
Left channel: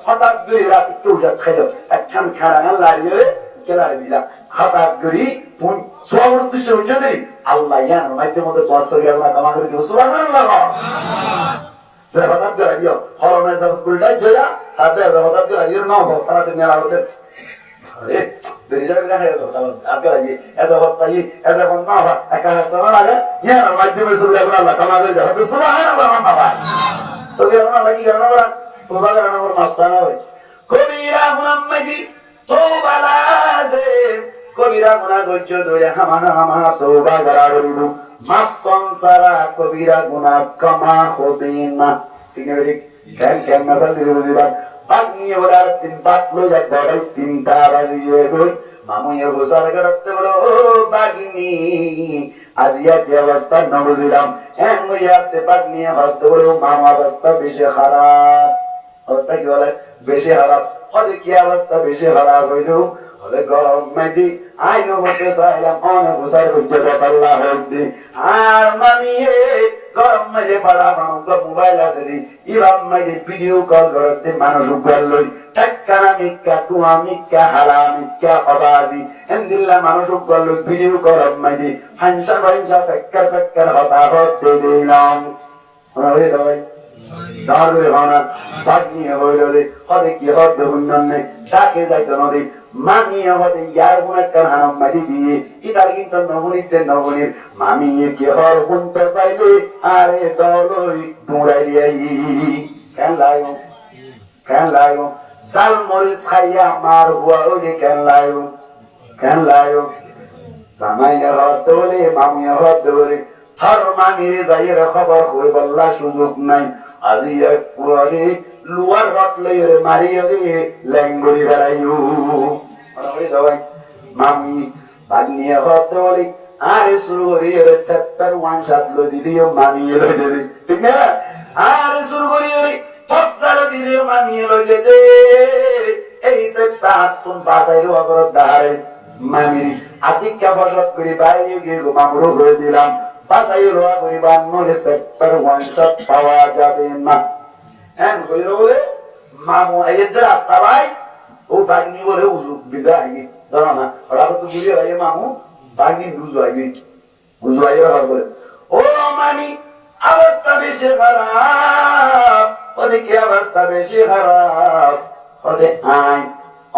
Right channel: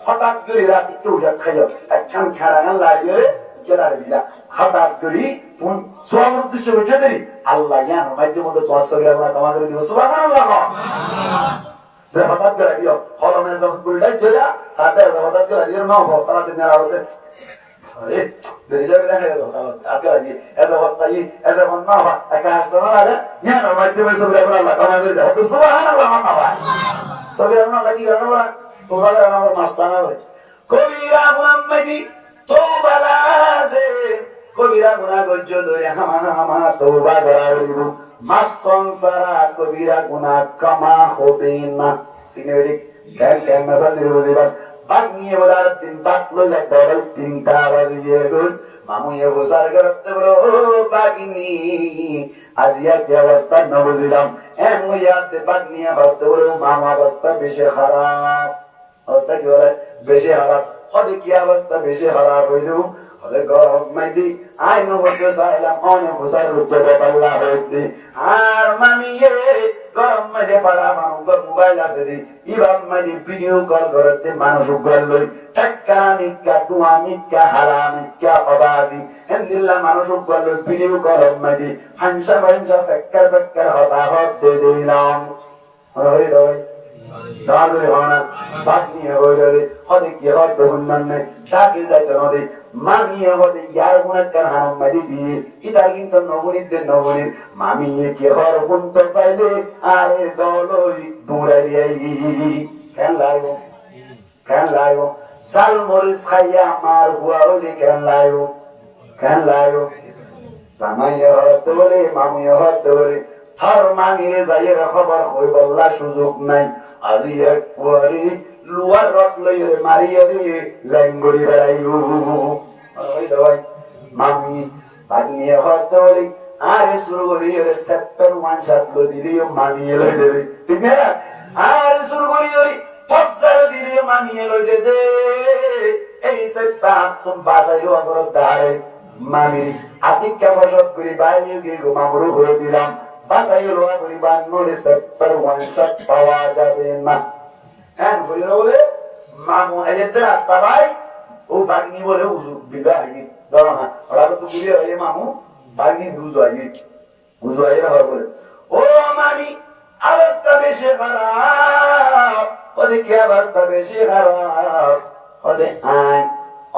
হঠাৎ করে রাতে কেউ যা খাইও একখান খাড়া লাগিয়ে কেলার দিলা হঠাৎ করে তুই সব উদ্দেশ্য হয়ে যাবে আল্লাহ ইয়া মাঝে মধ্যে 10 টাকা গুনাহ ক্ষমা করে দিও সুবহানাল্লাহ যে হঠাৎ করে দিও হরমে যাব উল্টা জয়া সাথে হঠাৎ করে দিও না ভক্তরা মেলা হতে আরে বেরিয়ে যাবে কথা আগে লাগি এজ হঠাৎ এজ মন না হয় একা হাসনা না ইয়া মাঝে মধ্যে সব টাকা আল্লাহ ক্ষমা করে দিও সুবহানাল্লাহ বাবা সগেরা না কি করনা বলা তোবা করনা ওর মাস্তানা হয় কবিরা মুহাম্মদি তোবা লাজিম কবিরা গুনাহ গজ্জ দয়া হামা তোবা করারু মাফ সংসারা কবিরা গুনাহ ক্ষমা হবে না ঠিক আছে কেন না জানি বুঝিবা বাগনিয়ে বলার 3 বাকলো যা দাঁড়াই 3টা বাজিয়ে গই মামুয়ে গোসার করতে বলো ও বাগনি আজিয়া কি অবস্থা না বুঝিলাম এন মুয়াতে বাগনিয়ে ভাবতে বলো মামু অবস্থা বেশি খারাপ অবস্থা কি বলে বেশি খারাপ হদে কি অবস্থা বেশি খারাপ হইলো হদে গরম মাইদি আইনো বসে চাইলাম অনেক গোসার হচ্ছে আল্লাহ হইতে আর মামিয়ে গরম মাঝে পাড়া মানুষ মোবাইল আছে দি ইবাম মাঝে ভিডিও কল করতে মানুষ উগাল লই টাক্কানা মিক্কা দুয়া মিক্কা হারা মিক্কা অবাজি এন্দিল্লা মানুষ উগাল লই ভিডিও গরম মাঝে ফাংশা পেক্কার হতা হতে দিলাম হয়ে দাওয়াই দাঁড়ে হনা বাগনিয়ে হইলে হদে কি হদে হুন্নানে ডাকে যাইতো নদী মামিয়ে হদে ইয়ার গুণ একটা হাম মারি দিয়ে ইতার কিন্তু নবনীর মামিয়ে কি হর হুনতে চাইলে আরে দলই দৌড়াই দিয়াই কেন লাইও জাল মরিচ খাইয়া মার হুয়া ওলে কেন লাইও জামাইয়ে হতে বলে মামিয়ে হতে বলে থর মামিয়ে যাইয়ের খবর কই বললা সুযোগ নাই আজি এক কুয়ারে লুয়ার রট লইরে মারিয়ে রে ল্যাঙ্গরি বেড়াইও ওই দাওয়াই মামি বাগনিয়ে হতে বলি আরে শুরু করি রে সেপ্টার 1 শাত লই দিলিও মানিয়ে লই দে ঠিক না আরে শুরু করি রে পছার দিলিও মানিয়ে লই দে এই সেপ্টার তুমি বাসাইলো আগর দাঁড়াই মামি আতিকা ফসত করি বাইরে গিয়ে মামরো করে দিলাম বাসাই লোয়া পরিবার নরে সেপ্টার 1 শাত পাওয়া যাবে না এন কইরা বলে মামু আইতে রাস্তা ভাই ও বাগনি বলে উজু বিদা আইবি দাও না ওরা তো বুড়ি আইয়ে মামু বাগনি দুজু আইবি বুঝু আইয়ে হর বলে ও মামি অবস্থা বেশি খারাপ ওরে কি অবস্থা বেশি খারাপ ওরে আই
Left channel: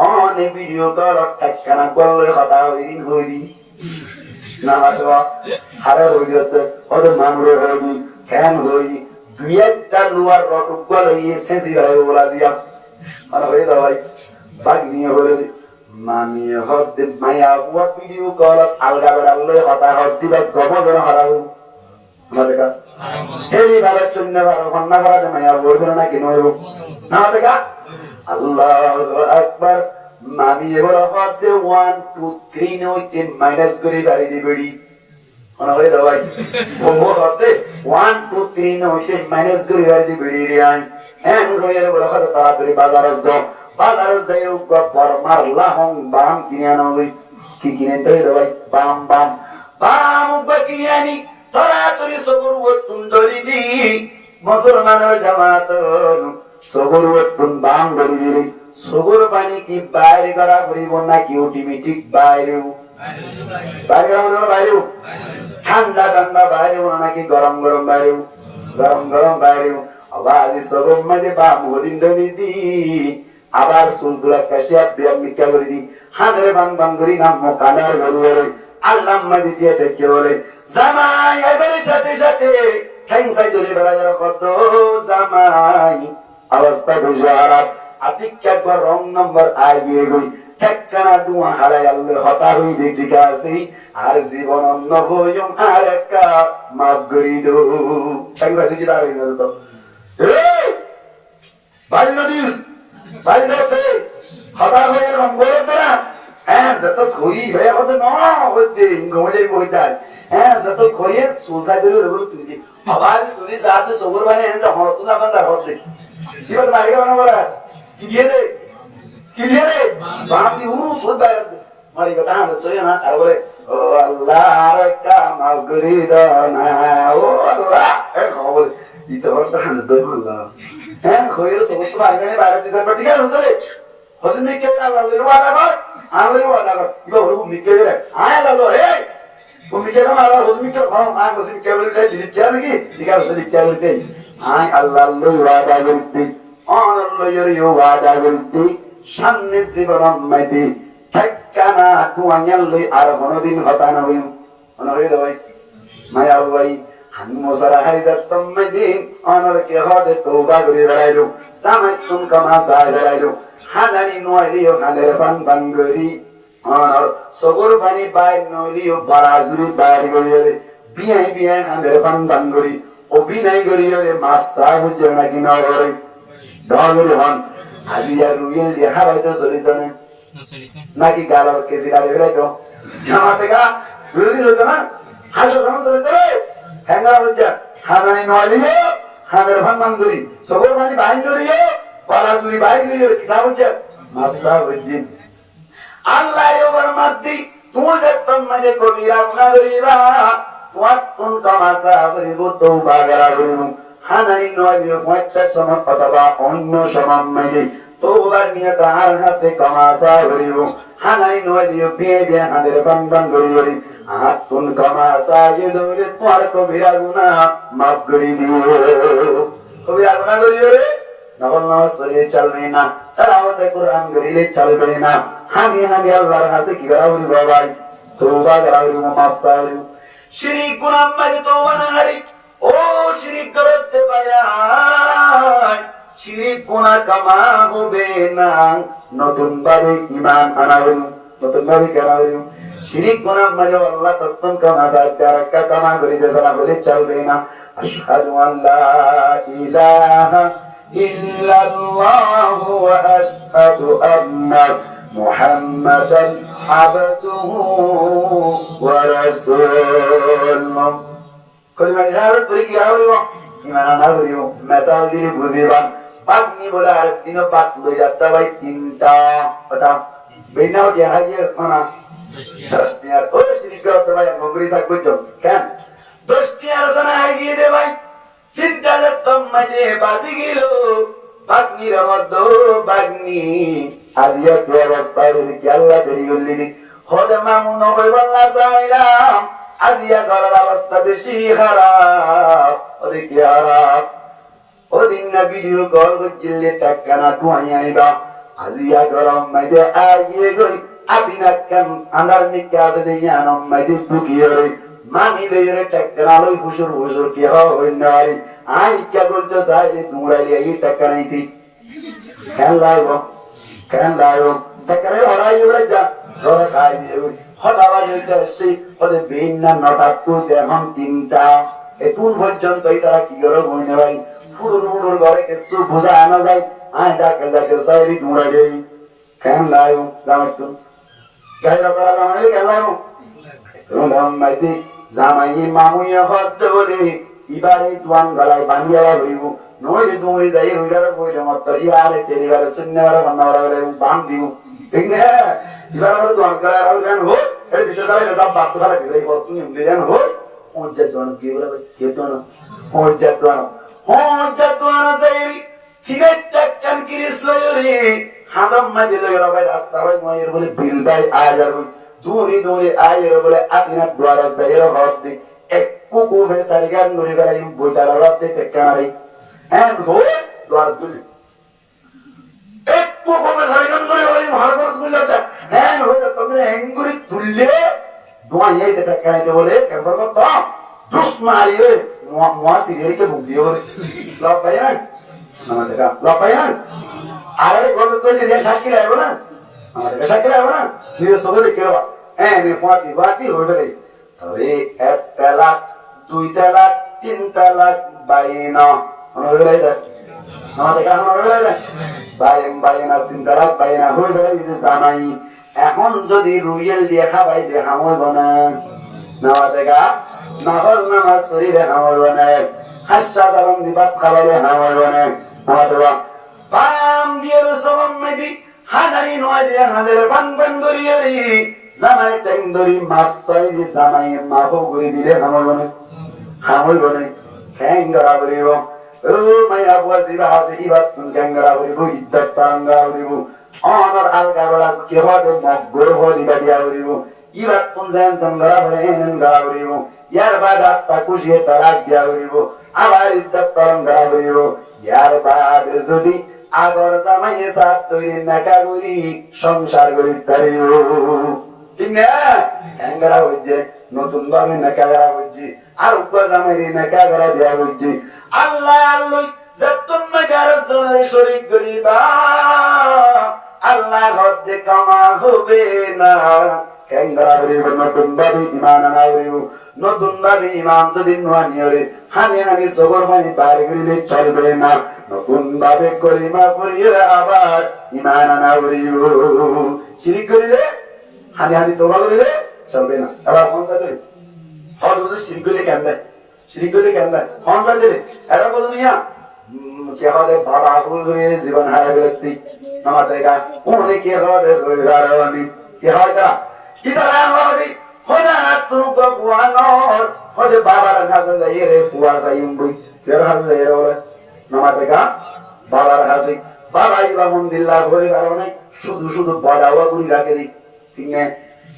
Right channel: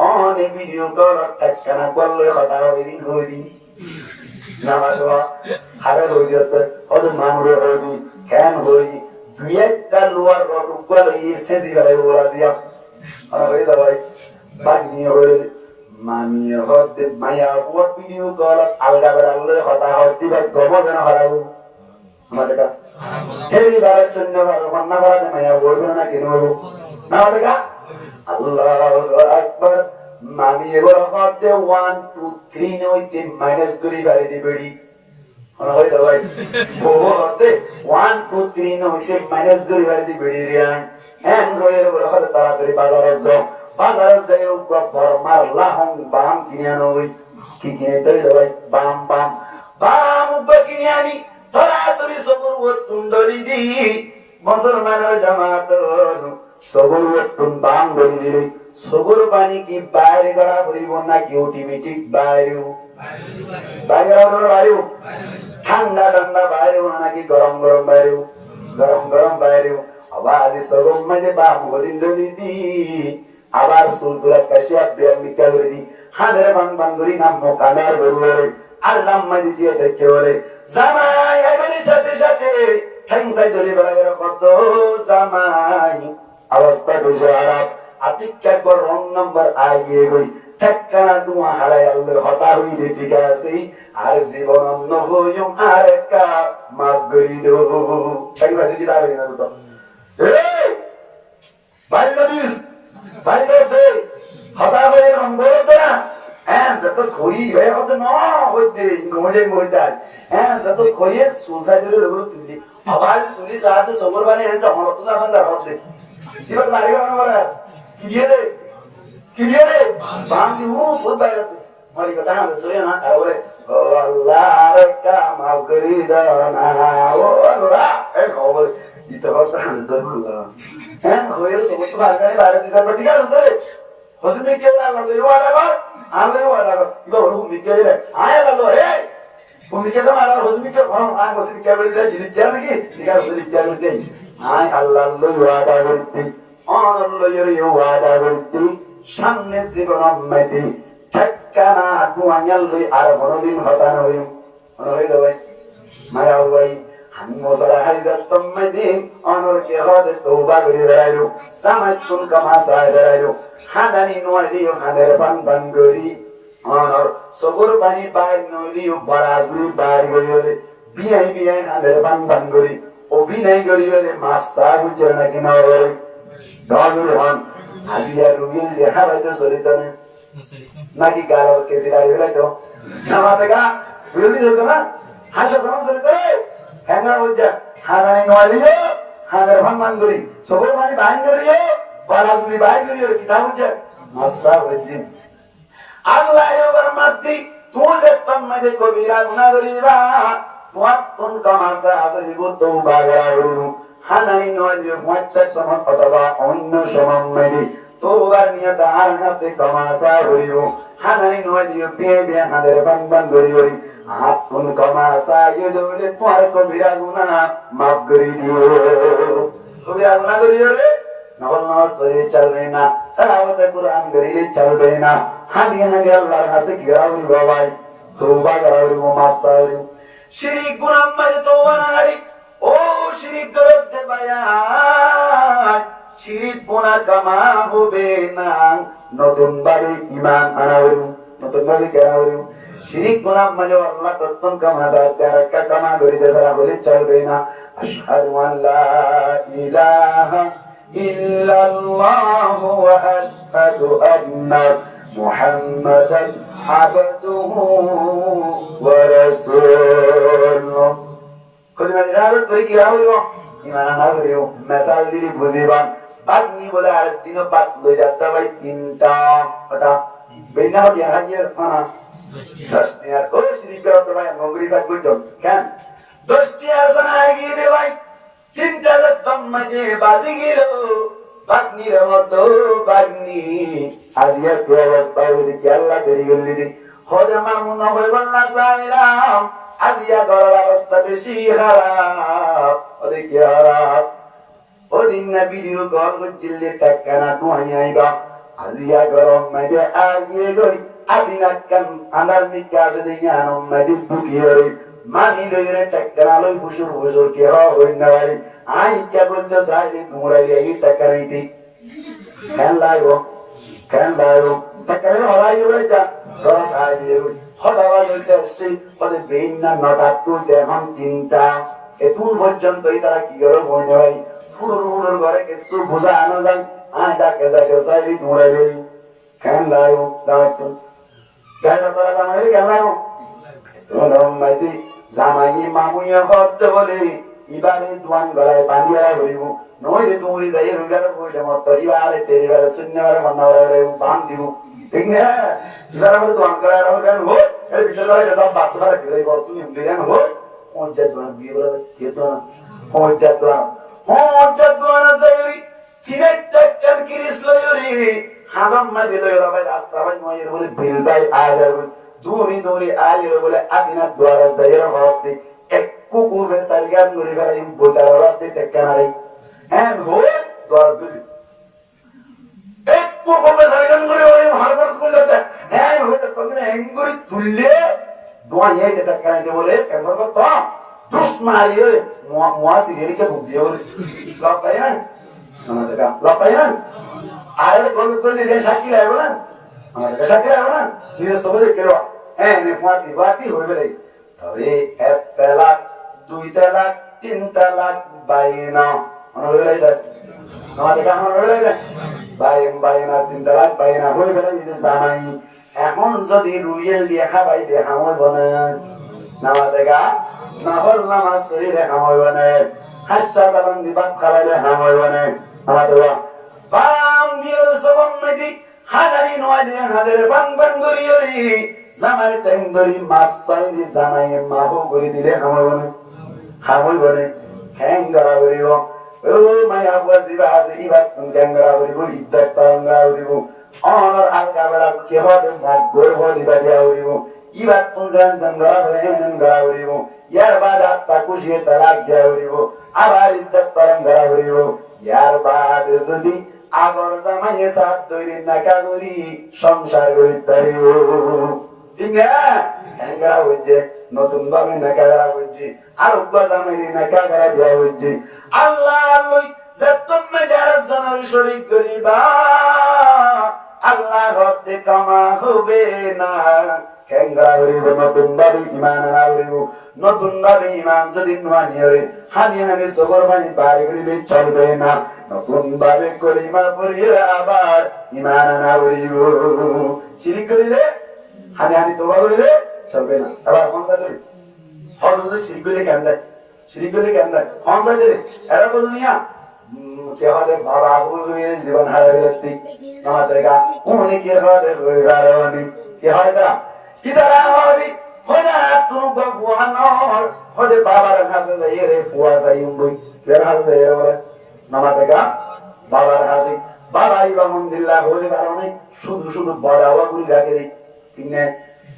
অনে ভিডিও কল টাকানা করলে কথা হইরি না বাবা হারে হইতে ওদের মামুরে হইবি কেন হই দুই একটা লোয়ার রড উগাল হয়ে সেঁচি বেড়াই বলা দিয়া মানে হয়ে দাবাই বাঘ নিয়ে হয়ে মামিয়ে হদ মায়া বুয়ার ভিডিও কল আলগা বেড়ালে হতা হদ দিবা গব বেড়া হারাও আমাদের কা ঠেলি বেড়ার জন্য রান্না করাতে মায়া বই বেড়া না কিনো না আমাদের কা আল্লাহু আকবার মামিয়ে বড় হতে 1 2 3 নইতে মাইনাস করে বাড়ি দিবেড়ি মানে হয়ে দাবাই বম্বো হতে 1 2 3 নইতে মাইনাস করে বাড়ি দিবেড়ি রে আই এন রয়ের বড় হতে তাড়াতাড়ি বাজারে যাও বাজারে যাই উপর মারলা হং বাম কিনে আনো কি কিনে দেই দাবাই বাম বাম বাম উপর কিনে আনি তাড়াতাড়ি সগর ওতুন দড়ি দি মুসলমানের জামাত সগর ওতুন বাম দড়ি দি সগর পানি কি বাইরে করা করিব না কি অটোমেটিক বাইরেও বাইরেও ঠান্ডা ঠান্ডা বাইরেও নাকি গরম গরম বাইরেও গরম গরম বাইরেও আবার সগর মাঝে বাম হদিন দড়ি দি আবার সুলগুলা কাশিয়া বিয়াম মিকা করে দি হাঁদের বান বান করি নাম কানার গরু আল্লাহ মাঝে দিয়ে দেখে বলে জামাই এবারের সাথে সাথে ঠ্যাং সাই ধরে বেড়ায় কত জামাই অবস্থা দুশো আরাপ আতিক্যা কর রং নম্বর আগিয়ে গই ঠেকানা দুয়া হারাই আল্লাহ হতা হই দি ঠিক আছে আর জীবন অন্য হইম আর একা মাফ করি দো ঠ্যাং সাই দিতে পারি না তো এই বাল্য দিস বাল্য দে হতা হয়ে রং বলে না হ্যাঁ যত খই হয়ে হতে না হতে গোজে বইতাল হ্যাঁ যত খইয়ে সুলসা ধরে রবল তুলি আবার তুলি সাথে সগর মানে এটা হরত না বান্দার হতে কি বল লাগে মানে বলা কি দিয়ে দে বাম দি বহুত বাইরে মারি কথা না তো না আর বলে ও আল্লাহ কামাল করি দানা ও আল্লাহ এ খবর দিতে হরত না তো আল্লাহ হ্যাঁ খইয়ের সগর তো বাইরে দিছে ঠিক আছে তো হসিন কে আল্লাহ লই ওয়াদা কর আল্লাহ ওয়াদা কর ইবা বড় মিকে রে আয় আল্লাহ হে তুমি কে না আল্লাহ হসিন কে আয় হসিন কে বলে জিনি কে নাকি ঠিক আছে হসিন কে বলতে আয় আল্লাহ লই ওয়াদা করতে আল্লাহ লই ওয়াদা করতে সামনে জীবন মাইতি ঠেকানা দুয়াইয়াল লই আর কোনদিন হতা না হইম মনে হই ভাই মায়া ভাই হানমোসারা হাইজাত তম্মাদিন অনর কে হদে তওবা করে বেড়াইলো সামাতুন কামা সাই বেড়াইলো হাদানি নয়লিও হাদের বান বান গরি অনর সগর পানি বাইর নলিও বারাজুরি বাইর গরিরে বিয়ে বিয়ে হাদের বান বান গরি অভিনয় গরিরে মাসা বুঝে না কিনা ওরে ডগরে হন আজিয়া রুইল দেখা হয়তো চলিতনে নাকি গালর কেসিরারে বেড়াইতো নামাতে গা রুইল হতো না হাসো কেমন চলিতনে হ্যাঙ্গারা বুঝা হাদানি নয়লিও হাদের বান বান গরি সগর পানি বাইর নলিও বারাজুরি বাইর গরিরে কিসা বুঝা মাসা বুঝি আল্লাহ ওর মধ্যে তুই যে তোমাদের কবিরা গুনাহ করিবা ওয়াতুন কামাসা করিব তওবা করিব হানাই নয় ওয়াচ্চা সমন অথবা অন্য সমন্বয়ে তওবার নিয়ত আর হাতে কামাসা করিব হানাই নয় বিয়ে বিয়ে হাদের বান বান করিব হাতুন কামাসা ইদরে তোমার কবিরা গুনাহ মাফ করে দিও কবিরা গুনাহ করিও রে নবল নামাজ পড়ে চলবে না তেলাওয়াতে কুরআন করিলে চলবে না হানিয়ে হানিয়ে আল্লাহর কাছে কি করাবি বাবাই তওবা করাবি মাফ চাইবি শিরিক গুনাহ মাঝে তওবা না হারি ও শিরিক করতে পায়া শিরিক গুনাহ কামা হবে না নতুন ভাবে ঈমান আনাবি নতুন ভাবে কেনাবি শিরিক গুনাহ মাঝে আল্লাহ তত্তন কামা সাথে আরেকটা কামা করিতে সালা বলে চলবে না আশহাদু আল্লা ইলাহা ইল্লাল্লাহু ওয়া আশহাদু আন্না মুহাম্মাদান আবদুহু ওয়া রাসূলুহু কলিমা ইরাদত করে কি হইব ইমান না করিও মেসাল দিলি বুঝিবা আপনি বলে আর দিন বাদ লই যাত্রা ভাই তিনটা কথা বেনা হইয়া হাইয়া খানা 10 টিয়ার ও শিরিক করতে ভাই মগরি সাক বুঝছো কেন 10 টিয়ার সানা আগিয়ে দে ভাই তিনটা যতম মাঝে বাজি গেল বাগনির মধ্যে বাগনি আজিয়া কি অবস্থা হইল কি আল্লাহ দেরি করলি হরে মামুন হই বললা সাইলাম আজিয়া গলার অবস্থা বেশি খারাপ ওদের কি খারাপ ওদিন না ভিডিও কল করছিলে টাকানা টুয়াই আইবা আজিয়া গরম মাঝে আগিয়ে গই আদিনা কান আন্দার মিকে আছে দেয়ানম মাঝে ঢুকিয়ে রে মানি লইরে টাকানা লই ফুসুর ফুসুর কি হই না বাড়ি আই কে বলতে চাই যে তোমরা এই টাকা নাইতে কেন লাগবো টাকা নাই হরাই বলে যা ধরা খাই দিয়ে হঠাৎ হইতে আসছে ওদের বেইন না নটা তো এখন 3টা এখন পর্যন্ত তারা কি করে বইনে ভাই ফুড়ুর ঘরে কিছু বোঝা আনা যায় যাকে চাইরি তোমরা কেন লাগবো জামাই গাড়িটা করা জামাইলে কেন লাগবো মাইতি জামাই মামুয়ে হতে বলে ইবারে দোয়ান গলায় বাঁধিয়া ঘুরিব নইলে তুমি যাই রুইগারে বইলে মত ইবারে টেরিগারে শূন্যগারে বন্ধারে বান দিব ঠিক না ইবারে হলো দোয়ান গলায় আর গান হো এই ভিডিও গলায় যাব বাপ গলায় বিলাই কর তুমি দিলেন হো পঞ্চায়েত দোয়ান দিয়ে বলে কে দোয়ান পঞ্চায়েত দোয়ান যাইরি কিনে টাকান কিরিস লয়রি হাদম মাদি লয়র ভাই রাস্তা ভাই ময়ের বলে বিলদাই আয়ার দূরে আয়ের বলে আতিনা দ্বারা যাইর হতে কুকু ভেসারিগার নুরিগার ইম বোতার রাতে টেকানারি এন্ড হো দ্বারা দুলি এক কুকু ভেসারিগার নুরিগার ইম হারবত গুলটা এন্ড হো তুমি এঙ্গুরি তুললে দোয়াই এই টেকানাইতে বলে কেমন তো দুষ্ট মারিয়ে মুয়াসিরের কে বুক দিয়ে বলে লাভ পাই না আমাদের লাভ পাই না আরে গল গলি রে সাক্ষী লাগবে না আমাদের সাক্ষী লাগবে না নিজের সঙ্গে দেখে এনে ফাতি হইবে রে আরে 1 তালাক 2 তালাক 3 তালাক বাইনা হইবে রে আমাদের কেন হইবে রে বাইনা 3 তালাক বাইনা হইবে রে জামাই এখন যদি রুয়েল দিয়ে খাবাই দেখা হইব না আমাদের গা নাফল নামাজ শরীরে হইব না হাসা সালাম দিবাত খাবাইলে হইব না আমাদের বাম দিয়ে সবম মেদি হাজারি নয় দিয়ে হাজারে বান করিয়রি জামাই টাইম ধরি মাছ চাইলে জামাই মাহো করে দিলে হামইব না হ্যাঙ্গারা করিব ও মায়া বুয়াজিরা আছে ইবাত হ্যাঙ্গারা করিব ইদ্দাত পাঙ্গা করিব অনর আলগা বলা কেবাদে মগর হলি বাদিয়া করিব ইবাত কোন জান জানগারা হেন গারা করিব ইয়ার বাদ আত্মা কুশিয়ে তালাক দিয়া করিব আবার ইদ্দাত পাঙ্গা করিব ইয়ার বাদ যদি আগর জামাই সাথ তৈরি নাকা করি সংসার করি পারিব ঠিক না হ্যাঙ্গারা হইছে নতুন ভাবে নাকা করা হইছে আর উত্তর জামাই নাকা করা দেয়া হইছে আল্লাহ আল্লাহ যতম গারব জনের শরীক করিবা আল্লাহ হতে কামা হবে না হ্যাঙ্গারা হইব নতুন ভাবে ঈমান আনা হইব নতুন ভাবে ঈমান যদি নোয়া নিয়রে হানি নানি সগর মানি পার করিলে চলবে না নতুন ভাবে কলিমা পড়িয়ে আবার ঈমান আনা হইব শিরিক করিলে হানি হানি তোবা করিলে চলবে না আবার পৌঁছা দিলে হল যদি শিরিক করিলে কেমন পৌঁছা দিলে এরা বলুন ইয়া কে হবে বাবা হুজুরে জীবন হারা গেলতি আমার দেখা উনি কে হবে রইরারনি কে হয় তারা কি তারা হবে হনা তুমি ভগবানর হদে বাবার কাছে যাই রে পুয়া সাইম বই ফের হাল যাই রে বলে নামা দেখা বাবার কাছে বাবা ইবা মন্দিল্লাহ হয়ে কারণে শুধু বাদাওয়া গুলি রাখে দি ঠিক না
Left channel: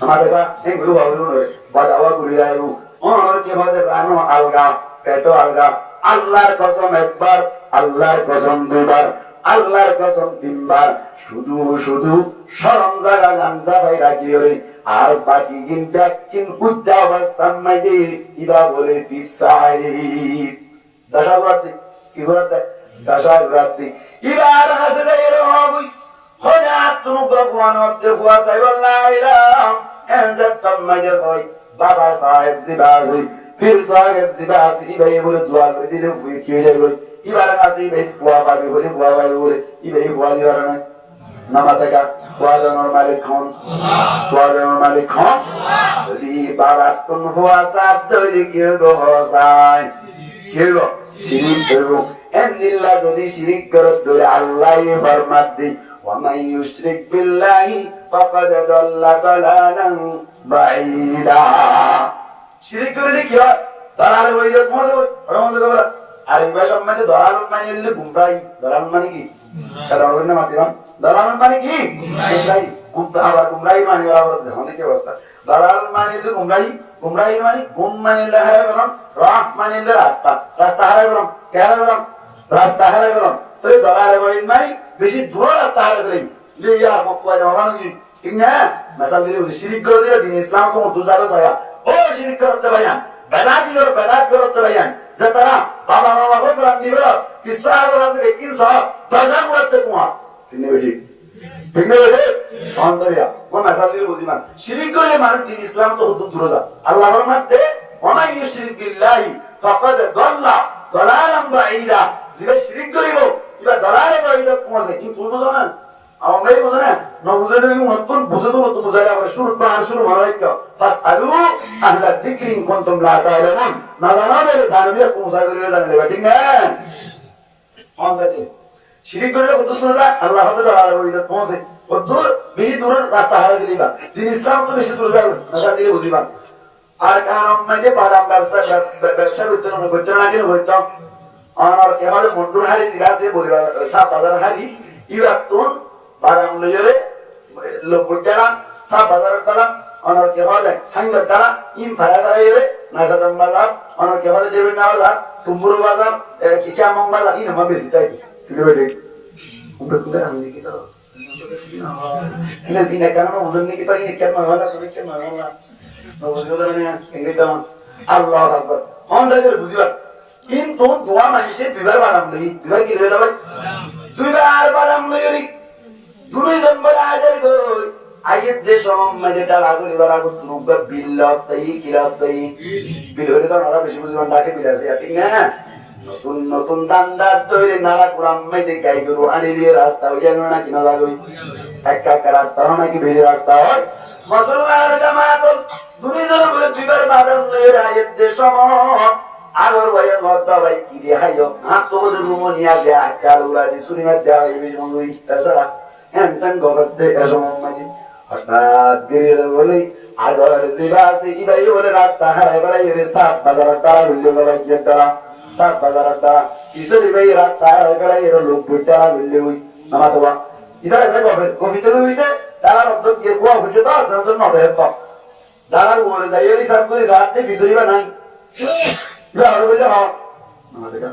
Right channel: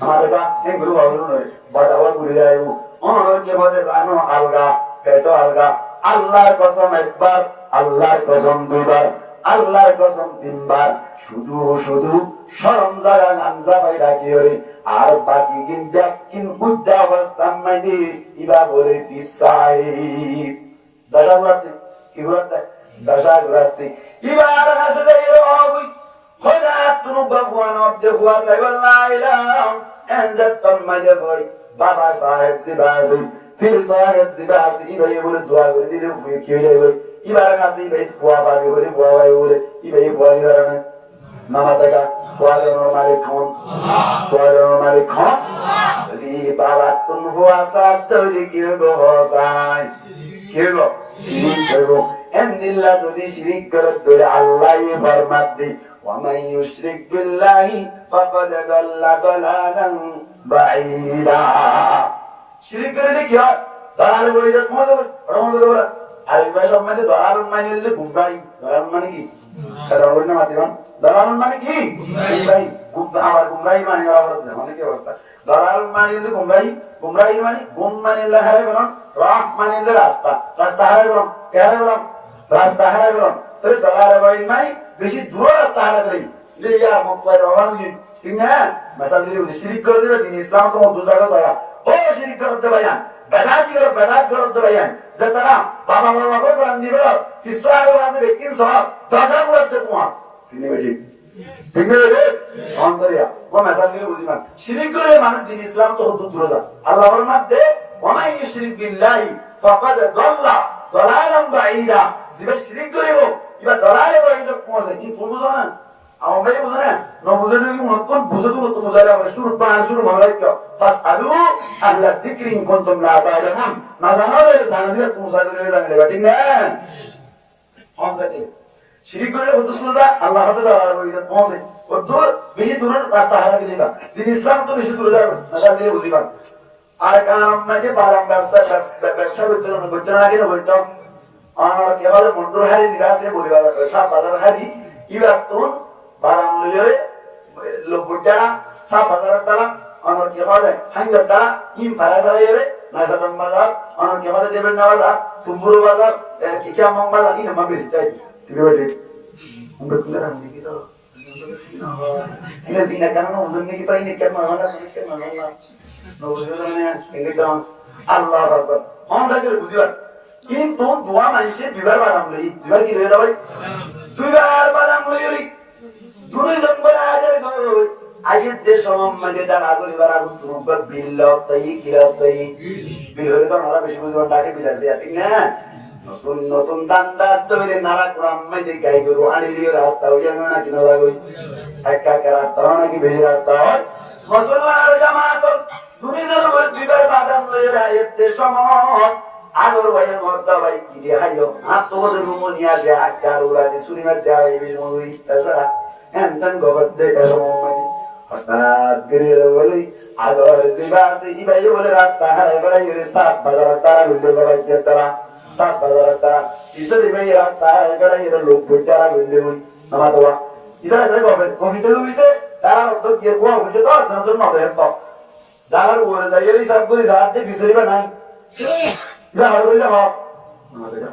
আমার দেখা এগুলো ভাবলো নয় বাদাওয়া গুলি রাখবো অনর কে হবে রানো আলগা পেটো আলগা আল্লাহর কসম একবার আল্লাহর কসম দুইবার আল্লাহর কসম 3 বার শুধু শরম জায়গা গামজা ভাই রাখি রে আর বাকি কিন উদ্যা অবস্থা মাইদি ইবা বলে পিসাই দশাগুরাতি কি গুরাতে দশাগুরাতি ইবার হাসে যাই রে হবই হনা তুমি ভগবান অদ্দে হুয়া সাইবাল্লাহ এনজাত মাইদে কই বাবা সাহেব জিবাজি ফির সাহেব জিবাজি ইবাই বলে দোয়া করে দিলে কি হয়ে যাবে ইবার কাছে ইবাই ফুয়া পাবে বলে ফুয়া ভাই বলে ইবাই ফুয়া দিবার না নামাতাকা তোয়ানোর মালিক খান তোয়ানোর মালিক খান যদি বাবা কোন ফুয়া সাহেব তৈরি কেউ গো হসাই কেউ গো শিরিক করবো এমনিল্লাহ যদি শিরিক করে ধরে আল্লাহই ফরমাত দি ওয়ামান ইউশরিক বিল্লাহি ফাকাদ দাল্লা দালালান বাঈদা শিরিক করলে কি হয় দালাল হয়ে যায় তোমার আর এই ভাষা মানে দালাল মানে হলে গুমরাহি দালাল মানে কি দালাল না মাতিবান দালাল মানে কি গুমরাহি আবার গুমরাহি মানে আবার অনেক অবস্থা দালাল মানে হলে গুমরাহি মানে গুম মানে হারাই গেলাম রাহ মানে রাস্তা হারাই গেলাম রাস্তা হারাই গেলাম তাহলে দালাল বলেন নাই বেশি দূর রাস্তা হারাই গেলি যে ইয়া মক্কা যাওয়া নাকি ঠিক না মাসাল দিলে শিরিক করে দিলে দিন ইসলাম তো দু জায়গা ছায়া ও শিরিক করতে ভাইয়া বেদাতি গর বেদাত গর দবায়ান যে তারা বাবা বাবা করে বলান দিবেল কিছু আগে আছে কিন সহ দশা করতে তোমার কিনে বেটি ঠিক না রে সন্তরিয়া কোন আসাল দিয়ে বুঝিমান শিরিক করে মানুষ দিন ইসলাম তো হুদুদ দরজা আল্লাহর মধ্যে ওমা ইউশরিক বিল্লাহি ফাকাদ দাল্লা দালালান বাঈদা যে শিরিক করিব ইবা দালালে বাঈদা পৌঁছে কি তুমি বুঝো না আমাই বুঝো না না বুঝে তুমি মতন বুঝে তো মত বুঝাইলা করে শুরু পান শুরু মালাইকা ফাসআলু আহলা যিকরি ইন কুনতুম লা তা'লামুন না জানা বলে জানবিয়া পৌঁছা করে জানলে ঠিক না অনসাইতে শিরিক করে হুদুদ দরজা আল্লাহ হতে দালালে বাঈদা পৌঁছে দূর বেশি দূর রাস্তা হারা দিবা দিন ইসলাম তো বেশি দূর যাবে না দিয়ে বুঝিবা আর কারণ নাকি বাদাম ব্যবসা করতে না কিনা বলতাম আমার কে বলে মন্ডুর হারি জিজ্ঞাসা বলিবা সাপ বাজার হারি ইবার তুন বাদাম লইরে লোক যারা সাপ বাজার তারা আমার কে বলে হাঙ্গার তারা ইম ভাড়া ভাড়া গেলে নাসাদাম বাজার আমার কে বলে দেবেন না বাজার তুমপুর বাজার কি কেমন বাজার ইন আমার বেশি তাই ঠিক আছে আমরা কোন আমি কি তো ini karena umumnya kita ini kan masalah sedikit masalah. Nggak ini kan Allah Akbar. Orang saja berbuat. Itu dua manusia dua barang beli, dua kilo ada baik. Dua barang beli. Dulu zaman ajar itu ayat desom macam lagu di bawah lagu tumpah bilau tayi kilau tayi. Bilau itu kan orang bersih bersih mandaki bilau sih. Ingat. নতুন নতুন দান্দার তৈরি নালা কুড়াম মেয়েদের গাই গরু আনিলিয়ে রাস্তা হয়ে যাবে না কিনা লাগবে একটা রাস্তা হয় নাকি বেশি রাস্তা হয় মুসলমানের জামাত দুইজনের বলে দুইবার বাদাম লয়ে রায়েতে সময় আগর ভাইয়ের মদ্দা ভাই কি দিয়ে হাইও হাত তো বলে রুমনিয়া দেয়া একটা উড়া দিয়ে সুরিমার দেওয়া এই বেশি মঙ্গুই তাছাড়া এমন গবর দেয় সময় মাঝে হঠাৎ বেরিয়ে বলে আগর জিবা আছে ইবাই বলে রাস্তা হারাই বেড়াই সাত বাজার তারা ঘুরলে বাবা গিয়ে তারা সাত বাজারটা ইসে ভাই রাস্তা গড়া এর লোক বইটারা বললে ওই নামাতবা ইদারা করে কবিতা কবিতে তার অর্থ কি কোয়া হচ্ছে তো জনজন না দেয় তো দালার ওরে যাইলি সব করে যাতে বিসরিবা নাই যা আর বললে ভাও নামাতবা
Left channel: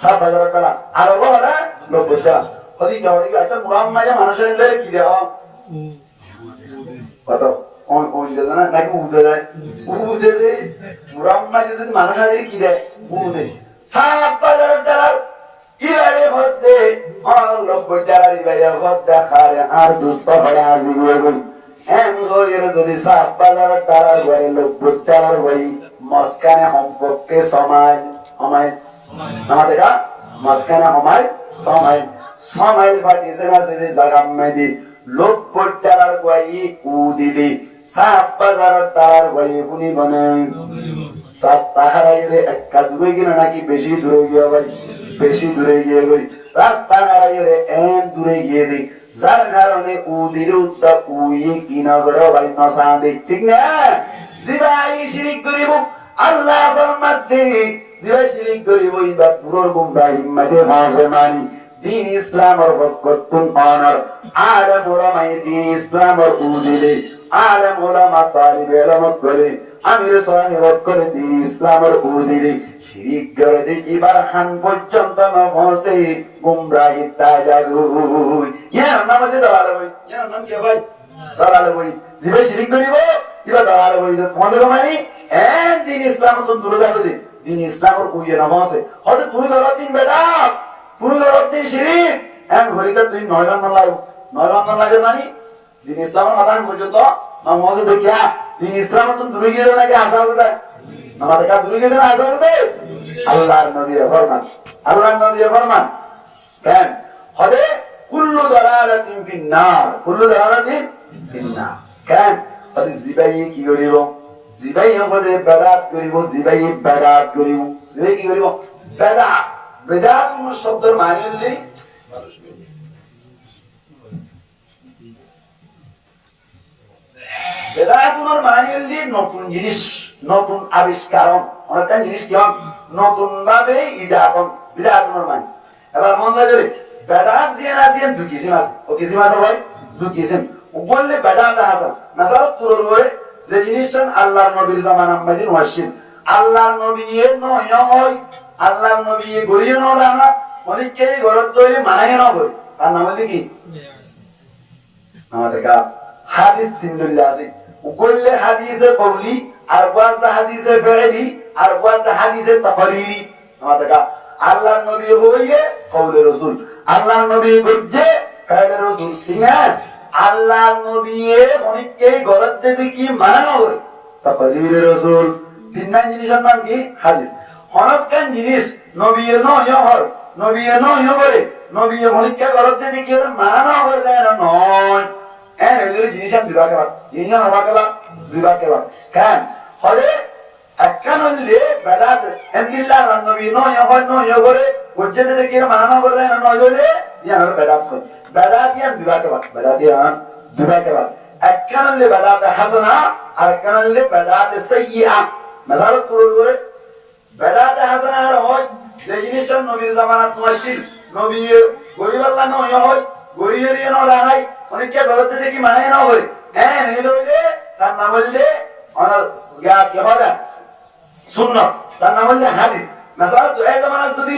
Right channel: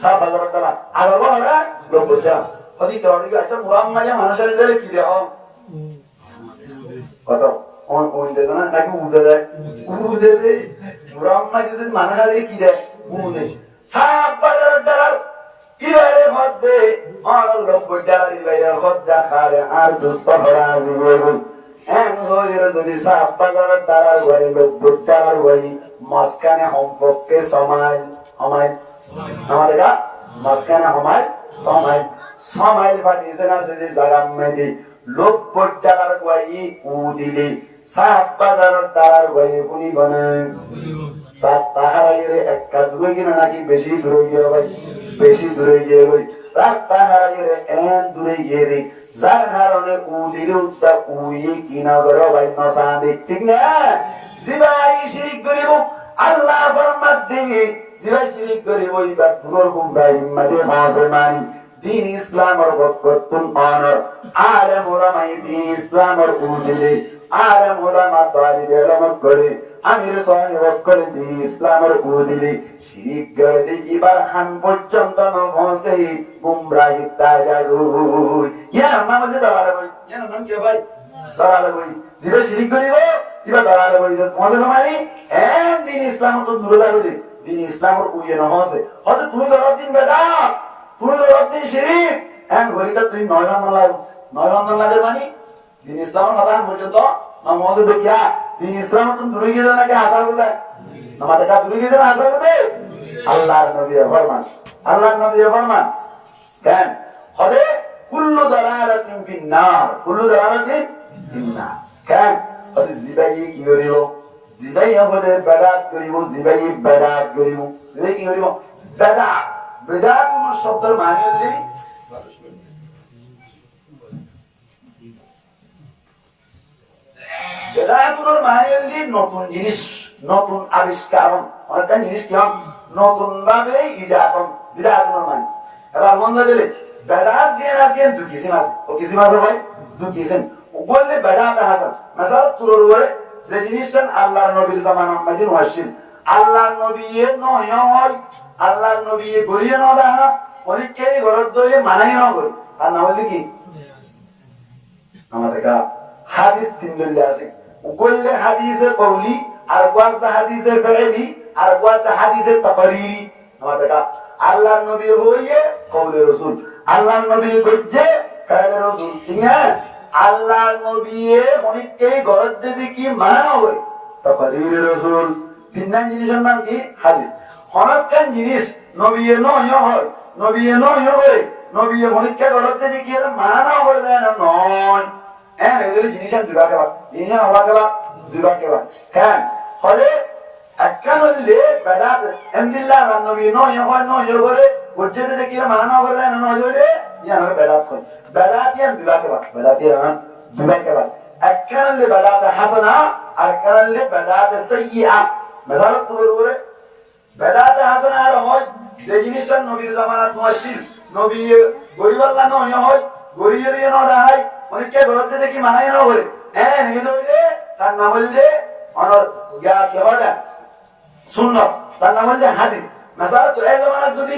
সাত বাজারটা আর বলা লোক বইটারা ওদি দেওয়ারি আচ্ছা মুরাম মায়া মানুষের যায় কি দাও কত on de না নাকি উদে দেয় উদে দে মুরাম মায়া যদি মানুষের কি দেয় উনে সাপ বাজার দ্বারা ইবারে হতে অনলব দ্বারা ইবারে হতে খারে আর দুষ্ট হরা জীবন এন হইর যদি সাপ বাজার দ্বারা ঘরে লোক দ্বারা হই মস্কানে সম্পর্কে সময় সময় আমাদের মস্কানে সময় সময় সময় পাটিছে না যদি জায়গা মেদি লোক দ্বারা হই উ দিলি সাপ বাজার দ্বারা হই কোনি বনে রাস্তা হারাইরে একটা দূরে গিয়ে নাকি বেশি দূরে গিয়ে ভাই বেশি দূরে গিয়ে গই রাস্তা হারাইরে এন দূরে গিয়ে দি যার কারণে উদিরে উদ্দা উই কিনা করে ভাই নসাদি ঠিক না জিবাই শিরিক করিব আল্লাহ ফরমাতে জিবাই শিরিক করিব ইবা দূরের গুমরা হিম্মতে মুসলমানি দিন ইসলামের বরকতুন অনর আলে মোরা মাই দিন ইসলামের উদিলে আলে মোরা মা তালিব এলমত করে আমির সাহেব করে দিন ইসলামের উদিলে শিরিক করে দি ইবার হান পর্যন্ত নভসে গুমরাহি তাজাগুই ইয়া নাম যে দালালে বই ইয়া নাম কি ভাই দালালে বই জিবা শিরিক করিব ইবা দালালে বই পৌঁছে মানে এন দিন ইসলাম তো দূরে যাবে দিন ইসলামের উইয়ে নভসে হয়তো তুই ধর দিন বেদা তুই ধর দিন শিরিক এন ঘড়িতে তুই নয় রান্না লাগে মানে দিন ইসলামের মাথান পর্যন্ত নমজ দেখিয়া দিন ইসলাম তুমি দূরে গিয়ে নাকি আসা হবে নামাজ কা দূরে গিয়ে আসা হবে আল্লাহর নবীর ফরমান কেন হদে কুল্লু দালালাতিন ফিন্নার কেন হদে জিবাই কি করিব জিবাই হদে বেদাত করিব জিবাই কি করিব বেদাত শব্দের মানে হল বেদাতুর মানে হল নতুন জিনিস নতুন আবিষ্কার অনেক জিনিস কি নতুন ভাবে ইজাতন বিদাতুর মানে এবার মন লাগে বেদাত জিয়ান আছেন দুই কিসিম আছে ও কিসিম আছে ভাই দুই কিসিম ও বললে বেদাত হাসান মাসাল তোর ওরে যে জিনিসটা আল্লাহর নবীর জামানা মদিন ওয়াসিল আল্লাহর নবী এ নয় হয় আল্লাহর নবী এ গরিয়ে না না অনেককে গরদ দইলে মানাই না করে তার নাম হল কি আমাদের হাদিস তিন দলিল আছে وكل حديث قولي আর ওয়াজদা হাদিসে ফেরেলি আর ওয়াজদা হাদিসে তাকরিরি আমাদের আল্লাহর নবী হইয়ে কওলে রাসূল আল্লাহর নবী গজ্জে কায়দা রাসূল ঠিক না আল্লাহর নবী অনেককে গলত দিয়ে কি মানা হয় তাকরিরি রাসূল তিনটা জিনিসের নাম কি হাদিস হনকান জিনিস নবী নয় হয় নবী নয় করে নবী অনেককে গলত দিয়ে কি মানা হয় না নয় এগুলি জিনিস আমি দুইবার কেবা জিনিস হওয়া কেবা দুইবার কেবা কেন হলে একখান হইলে বেদাত এমদিল্লাহ নবী নয় হয় নয় করে গুজ্জেতে দেখি মানা করে না নয় হলে ইয়ান বেদাত হয় বেদাত ইয়ান দুইবার কেবা বেদাত ইয়ান দুইবার কেবা একখান হইলে বেদাত হাসানা আর একখান হইলে বেদাত সাইয়্যিআ মাসালত তুলর করে বেদাত হাসানা আর হয় যে জিনিসটা নবীর জামানাত মুশরিক নবী গরিব আল্লাহ নয় হয় গরিবের ইয়া না হয় অনেককে গলতে দেখি মানে না হয় হ্যাঁ নেই হইলে তার নাম হইলে অনার ইয়া কি হয় সুন্নাত তার নাম হইলে হাদিস মাসালা তো এই জামানাত যদি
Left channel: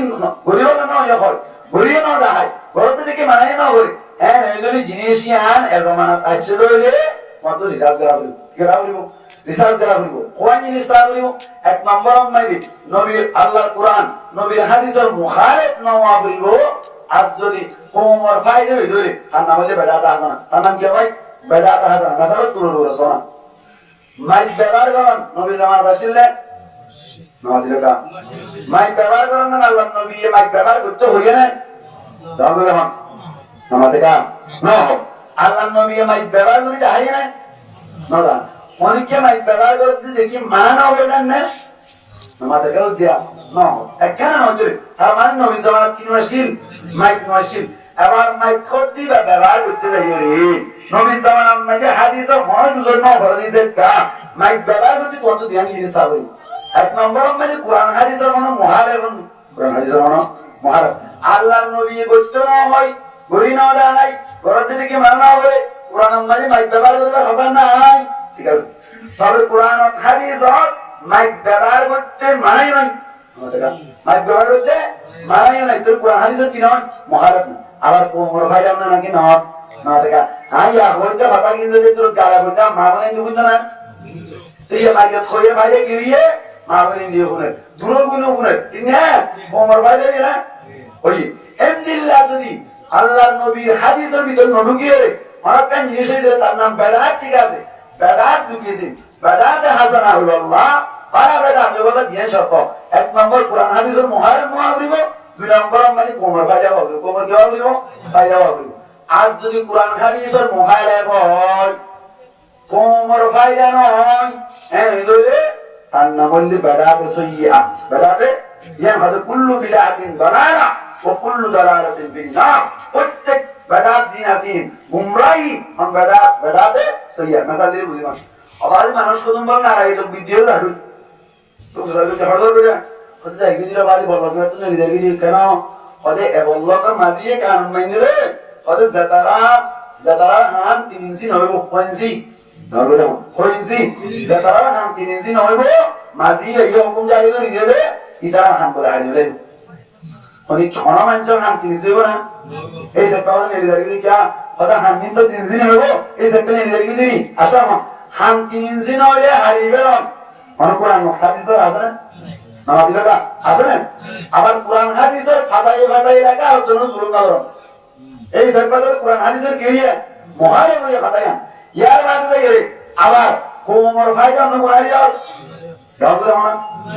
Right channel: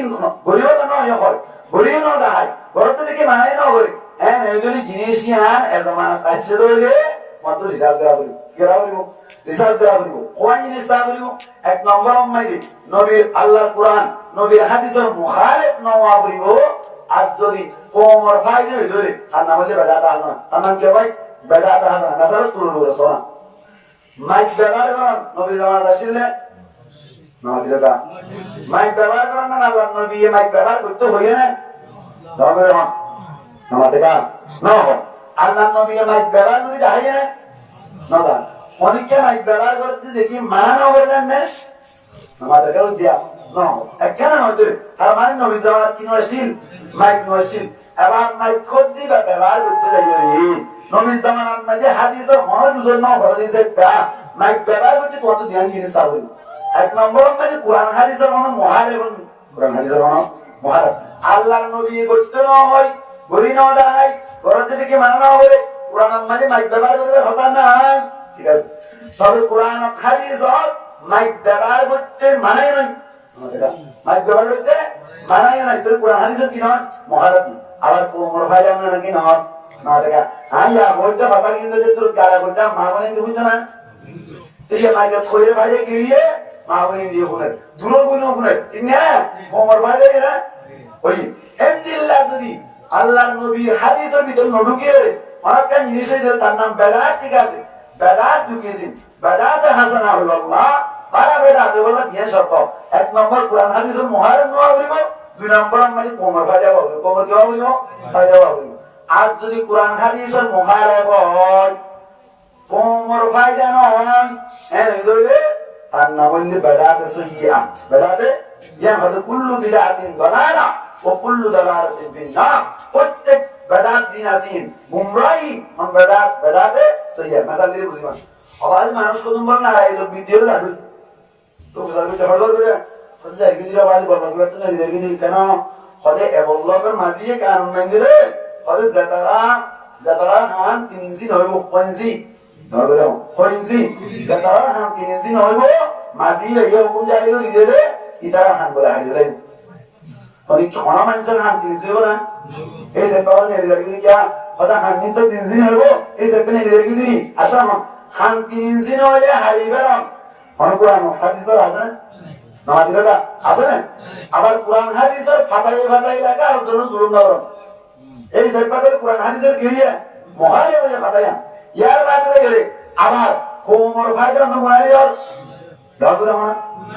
গরিব না হয় গরিব না হয় গলতে দেখি মানে না হয় হ্যাঁ নেই হইলে জিনিস ইয়ান এই জামানাত আছে হইলে মাত্র রিসার্চ করা বলিব রিসার্চ করা বলিব কোন জিনিস তা বলিব এক নম্বর মাইদি নবীর আল্লাহর কোরআন নবীর হাদিসের মুখালিফ না বলিব আজ যদি কোমর ফায়দা হইলে তার নাম হইলে বেদাত হাসানা তার নাম কি ভাই বেদাত হাসানা মাসালা তুলুর সোনা মাইক ব্যবহার করেন নবী জামাত আসলে না দিলকা মাইক ব্যবহার করেন না আল্লাহ নবী মাইক ব্যবহার করতে হইয়া না দাও করে মা নামাতে কা না আল্লাহ নবী মাইক ব্যবহার করি দেখাই না না দা অনেকে মাইক ব্যবহার করতে দেখি মানা না হয়ে যান না নামাতে কাও দিয়া না একখানে নজরে তার মানে নবী জামাত কি নশিল মাইক নশিল এবার মাইক কোড দিবা ব্যবহার করতে যাই রে নবী জামানার মধ্যে হাদিসের হজ জন্য হাদিসের কা মাইক ব্যবহার করতে কত ধ্যান জিনিস সাবরি এক নম্বর মধ্যে কোরআন হাদিসের মানে মুহালেফ কোরআন হাদিসের মানে মুহালেফ আল্লাহর নবী করতে না হয় গরি না দেয় করতে থেকে মানা না করে কোরআনের মধ্যে মাইক ব্যবহার করবে হবে না ঠিক আছে সবে কোরআন ও হাদিস মাইক ব্যবহার করতে মানাই নয় মাইক ব্যবহার করতে মানাই নয় তোর কোরআন হাদিসের কি নয় মুহালেফ আবার কোমর ভাই আমরা নাকি না না দেখা আইয়া হইতে কথা কিন্তু তোর গালা কইতা মা বলেন দি বুঝছ না এই যে মাইকে কইরে ভাইয়ে গিয়ে মা বলেন দি শুনে দূর গুণ শুনে ঠিক না কোমর ভাই লাগে না ওই এমদিল্লাহ যদি আল্লাহর নবীর হাদিসের ভিতর ঢুকিয়ে অনেকটা জিনিস যে তার নাম বেদাত ঠিক আছে বেদাত ঢুকিয়েছে বেদাত হাসানা হইল আল্লাহ আর বেদাত বলে দিয়ে সত্য এক নম্বর কোরআন হাদিসের মুহাররম না করিব দুই নম্বর মানে কোমর ভাই যাওয়া বলিব কোমর কি বলিব ভাই যাওয়া বলিব আজ যদি কোরআন হাদিসের মুখালেফ হয় কোমর ফায়দা নয় হ্যাঁ হইলে তার নাম হইলে বেদাত সাইয়্যিআ বেদাত ইয়ান হযরত কুল্লু বিদআতিন দালালা ওয়া কুল্লু দালালাতিন ফিন-নার প্রত্যেক বেদাত জিনাসিন গুমরাহি হন বেদাত সাইয়্যিআ মাসাল দিয়ে বুঝিমান আবার মানুষ কদম বল না এই লোক ভিডিও লাডু তো বুঝালো যে হড়দড় করে হচ্ছে এক দিলা বাজি বল কি তো নেই দেখি কেন হদে এবল্লাহর মাঝিয়ে কান মাইন্দরে হদে জাতারা হান 3 ইঞ্চি নইব কোইনসি ধরবে কোইনসি জাতারা হান 3 ইঞ্চি নইব মাঝি এই হুকুম জারি করে দিলে ইতারা হান বলে হারি দেবে অনেক খনা মানুষের হান 3 ইঞ্চি না এই সেটাও নেই দেখি কি হদে হান নিন তো 3 ইঞ্চি নইব এই সেটা নেই দেখি দিই আশা হান 3 ইঞ্চি নইলে হারি গেলাম কোন কোরআন হাদিস আছে না নামাজি কথা আছে না আবার কোরআন হাদিসের ফাতাই লাগা আর জন্য জুলুম না করুন এই সরকারের কোরআন হাদিসের গিয়ে মুহারিব হয়ে ফাতায়া ইয়ার বাদে গেলে আবার কোমর ফায়দা ন মুহারিব দাও তো না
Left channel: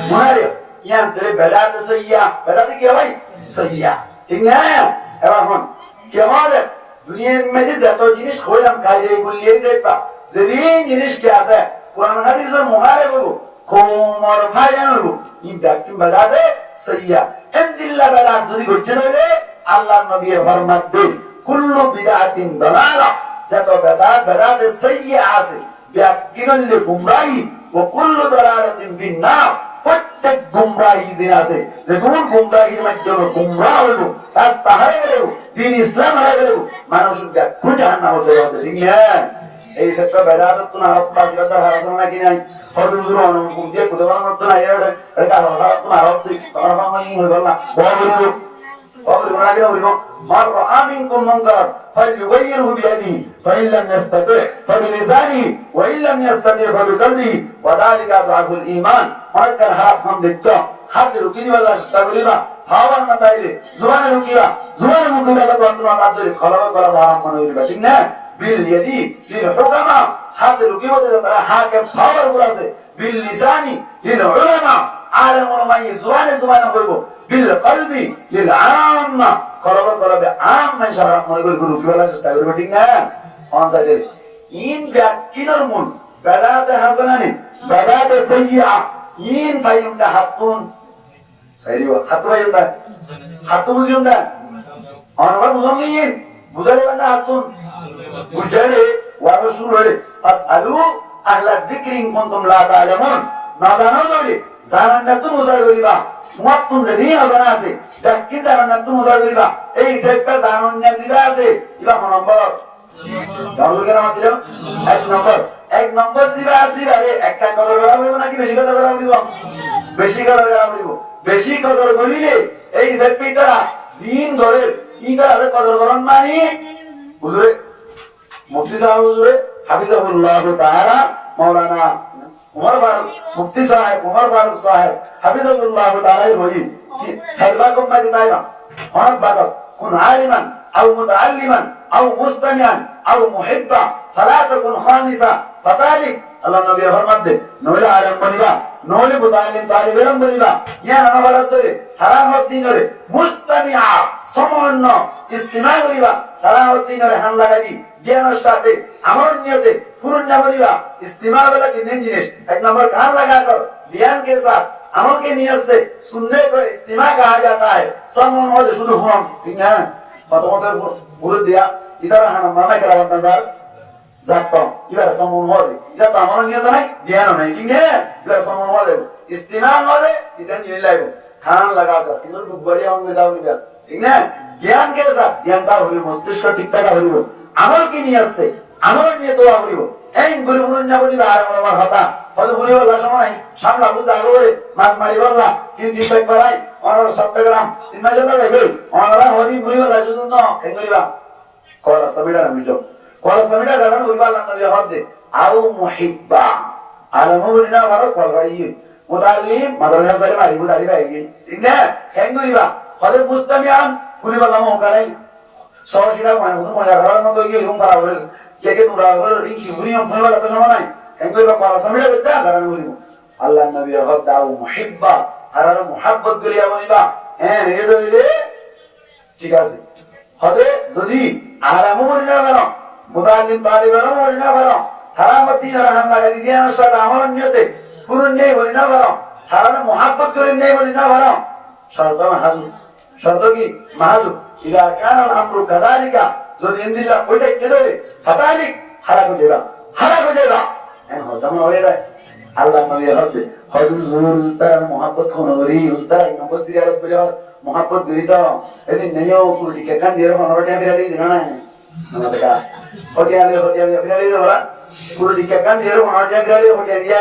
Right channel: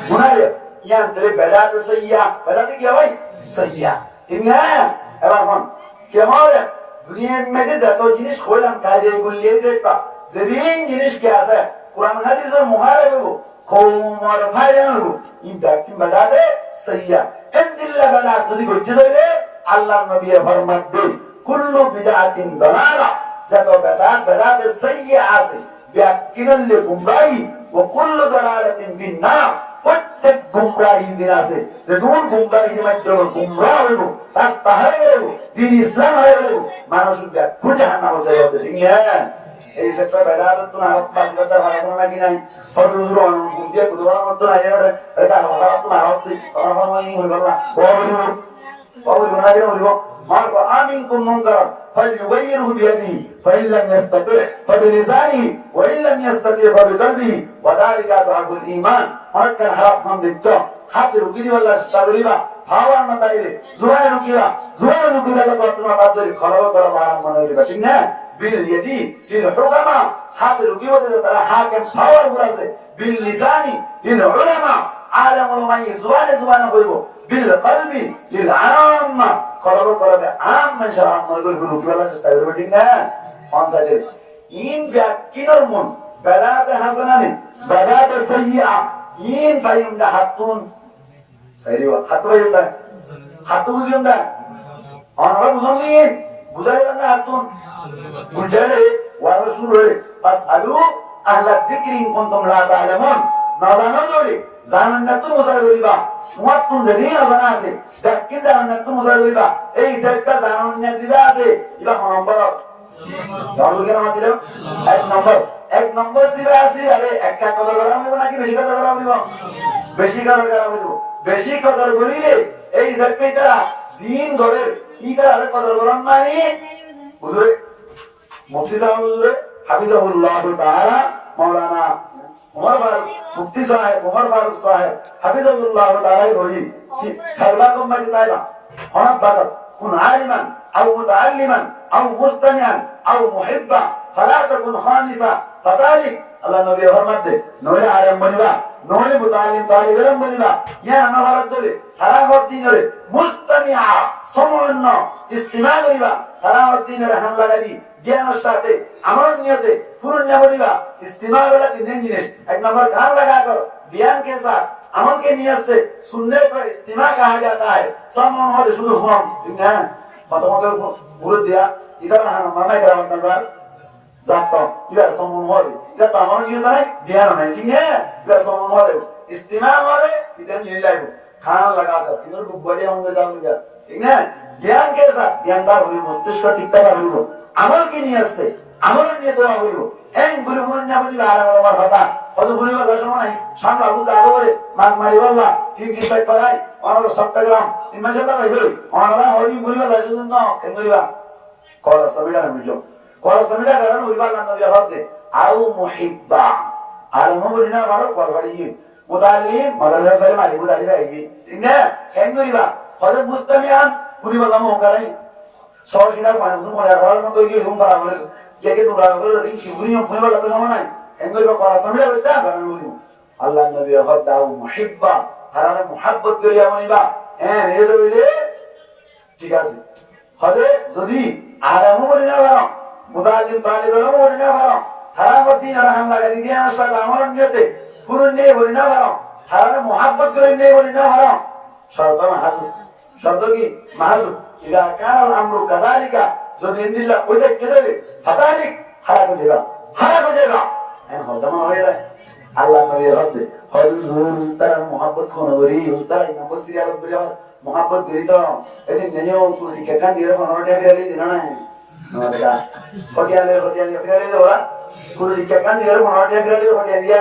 মুহারিব ইয়ান তেরে বেদাত সাইয়্যিআ বেদাত কি ভাই সাইয়্যিআ ঠিক না এবার হন কি হবে দুনিয়ার মধ্যে যত জিনিস কইলাম কাজে কুলিয়ে যাইবা যেদিন জিনিস কি আছে কোরআন হাদিসের মুহারিব হবো কোমর ফায়দা নব ই ব্যাকি বেদাত সাইয়্যিআ ইনদিল্লাহ বেদাত যদি গজ্জে হইলে আল্লাহর নবী ফরমান দেন কুল্লু বিদআতিন দালালা যত বেদাত সাইয়্যিআ আছে ব্যাকিনল গুমরাহি ওয়া কুল্লু দালালাতিন ফিন-নার প্রত্যেক গুমরাহি যে আছে যে কোন গুমরাহির মাধ্যমে গুমরাহ হইব তার তাহাই হইব দ্বীন ইসলাম হারাইব মানুষ ব্যাকি জাহান্নামে যাবে ঠিক না এই সেটা বেদাত তো না পাঁচ কথা হারানো নাকি নাই হযরত অনুকূল দিয়ে কুরবান করতে নাই এটা আল্লাহ তো মারব তুই আমার মনে হই গেল না বড় না কেন বলবো মার আমিনকুম মুনকার ফালইউগাইরহু বিয়াদি ফাইন লাম ইস্তাতি ফাবিলিসানি وإن لم يستطع فبقلبه وذلك أضعف الإيمان হরকার হারাপ খাম দেখছ হাতে রুকি দিবা চেষ্টা করিবা খাওয়ার না তাইলে জোয়ানে রুকিবা জোয়ানে রুকিবা তোমার হাত ধরে খলব করা হারাম মনে হইবা ঠিক না বিল ইয়াদি লিল হুকামা হাতে রুকিবা তারা হাকিম পাওয়ার আছে বিল লিসানি লিল উলামা আলেম উলামা জোয়ানে জোয়ানে কইবো বিল কলবি লিল আম্মা খলব করাবে আম মানুষ হারাম মনে করে রুকিবা চেষ্টা করবে ঠিক না কোন সাইডে ইন গাকিনার মন বাদাতে হাসানানি বাদাতে সাইয়্যা ইন ফাইমদা হাতুন সাইরিবা হাতু ফাইমদা হাতু বুঝিমদা অনরা বুঝমিন বুঝালে বান্দা হাতুন বুঝালে ওয়াজ শুরু হলে আসআলু আহলা যিকরি ইন কুনতুম লা তা'লামুন না জানো যদি জানান না তুমি বুঝা করিবা মুয়াত্তুন যদি না জানা আছে দেখি জানান না তুমি বুঝা করিবা এই সেটটা জানান না জিবা আছে ইবা নম্বর জানুল কেন মাতি দাও এক নম্বর জিবা আছে আরে একটা কথা করা হইব নাকি বেশি কথা করা হইব বেশি কথা করা হইব বেশি কথা করিলে এই সেটটা তারা জিন ধরে কি তারা কদর করন মানে হুজুরে মুফতি সাহেব হুজুরে হাফিজাহুল্লাহ তাআলা মাওলানা উমর ফারুক মুফতি সাহেব উমর ফারুক সাহেব হাফিজাহুল্লাহ তাআলা হই কি সারবাকুম মাদি তাইবা হন বাদক কুন আলিমান আও মুতাআল্লিমান আও মুস্তামিআন আও মুহিব্বা ফালা তাকুন খামিসা ফাতালিক আল্লাহ নবী ফরমাত দে নলে আলেম বনিবা নলে মুতাআল্লিম তালিব ইলম বনিবা ইয়া নানা ভারত ধরে সারা দিন ধরে মুস্তামিআ সমন্ন ইস্তিমা করিবা সারা দিন ধরে হান লাগাই জ্ঞানের সাথে আমল নিয়তে ফুরুন না বনিবা ইস্তিমা वाला तीन जिनिस एक नंबर कान लगा कर ध्यान के साथ अमल के नियत से सुनने को इस्तिमा कहा जाता है समन हो तो शुरू हुआ ठीक है प्रथमत गुरु दिया इधर हां माना करा बंदा जातो इधर समन हो इधर तो अमल नियत नहीं ध्यान नहीं ठीक है इधर समन हो इस्तिमा हो इधर नहीं लाइव खान लगा कर इधर बढ़िया होंगे दाव गया ठीक है ज्ञान के साथ ज्ञानदार हो मस्तिष्क ठीक ठाक हो আমল কি নিয়ে আসছে আমল নিয়ে দোয়া করিব এই গুলি মুন না বলি আর আমার কথা কত গুলি বলা সময় নাই সামলা বুঝা আগে মাছ মারি বললা তিন দিন পেক করাই অনর চট্টগ্রাম তিন মাসে না যাবে অনরা হরি গুলি বলা শুধু না কেন করিবা কলা সমিডা নামিজো কলা সমিডা গান হইবা না নবী হদে আও মুহিব্বা আলম বলি না মারো কলবাড়ি মুতাল্লিম মাদ্রাসা বলে মারি বুদারি ভাই ঠিক না কেন করিবা হদে মুস্তামিয়ান গুলি বলা মো করাই সরসিরা কোন কোন রার মতো গিয়ে রুম করা বলে কে তোমরা বলে রিকি গুনিয়ম ফোন বলা তো নাই এগুলো বা করা সামনে হইতা কারণ বলি আল্লাহ নবী গদাউ মুহিব্বা তারা মুহাব্বত করিয়া বলিবা হ্যাঁ এই দইলে ঠিক আছে হদে যদি আরাম বলি না বলো মুতাআল্লিম তালিব বলো বলি না বলো তারা মদিন রাহান লাগাই দিয়া সাথে আমল নিয়তে পুরন নেই বলি না বলো তারা মুহাব্বত করেন নেই বলি না বলো শর্ত হাজু শর্ত কি মাহাজু إذا كان الأمر كذلك যদি ইনদিল্লাহ ওইটা কেটে ফাতালিক হারা করে দেবা হ্যাঁ হজম হয়ে যায় আল্লাহ নবী হদে হুজুর তার mohabbat হনো করি উস্তাদ নবসিরি আরব বলে mohabbat করি তো এদিন নেও কুড়ি কে কান দিয়ে হনোটা বিরালি দিনা না নদেকা হোটিয়ালে বিরালি দেওয়া কুড়ি কে কান দিয়ে হনোটা বিরালি হোটিয়া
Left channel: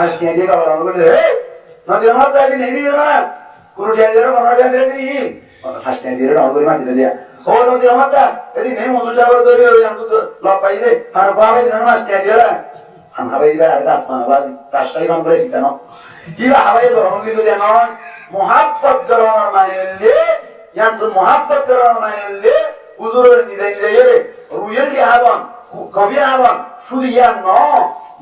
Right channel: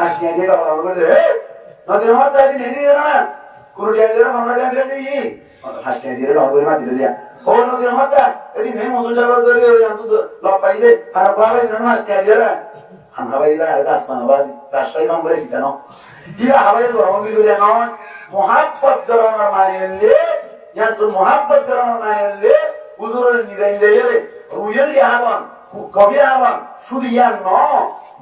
আর কি দিয়ে কাবলা বলে নদী আমার তাই নেই না কুড়ি দিয়ে হনোটা বিরালি হাসতে দিয়ে নগরী মাটি দিয়া ও নদী আমারটা এদি নেই মধুর সাগর ধরে ওই আন্ত লপ পাই দে আর বাবা দিন হাসতে দিয়ে আমরা বাইরে আর কাছে বাজি রাস্তায় কাম করে কেন কিবা হাওয়ায় গরম গিয়ে দিয়া নয় mohabbat করার মাইলে ইয়ান্তুল mohabbat করার মাইলে হুজুরের নিদাই দেয় রুয়েল কি আবান কবি আবান শুধু ইয়ান ন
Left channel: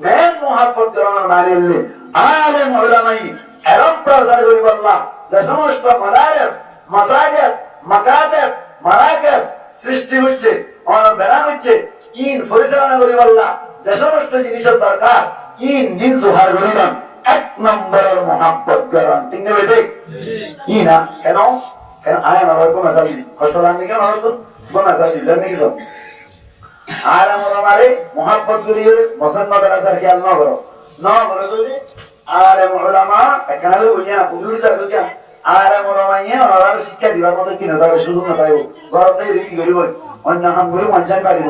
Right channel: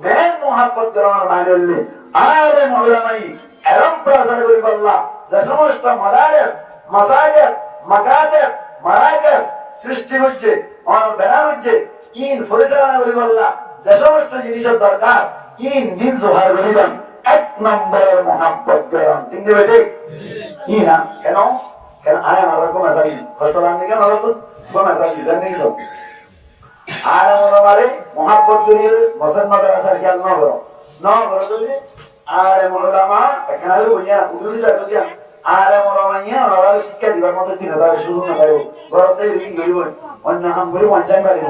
মেন mohabbat করার মাইলে আলেম উলামাই আরব প্রচার করি বললা যে সমস্ত মাদারিস মাসাজিদ মাকাতিব মারাকাস সৃষ্টি হচ্ছে আর বেরান হচ্ছে ইন পরিচালনা করি বললা যে সমস্ত জিনিসের দরকার ইন দিন জোহার করিলাম এক নম্বরের mohabbat করান ঠিক নেবে ঠিক ইনা কেন আয় আমার কোন মাসাজি কষ্ট লাগনি কেন হতো কোন মাসাজি জানি কি আর আমারে mohabbat করিয়ে মুসলমানদের আসার খেয়াল না করো যদি আর উলামা এখানে বলিয়া উজুর দাও আর মোরামাইয়া ওনারা শিক্ষা দিবার মতো কি না তাকে সুযোগ না পাইব ঘরতে রিকি করিব অন্য হাম করে মঞ্চান পারিব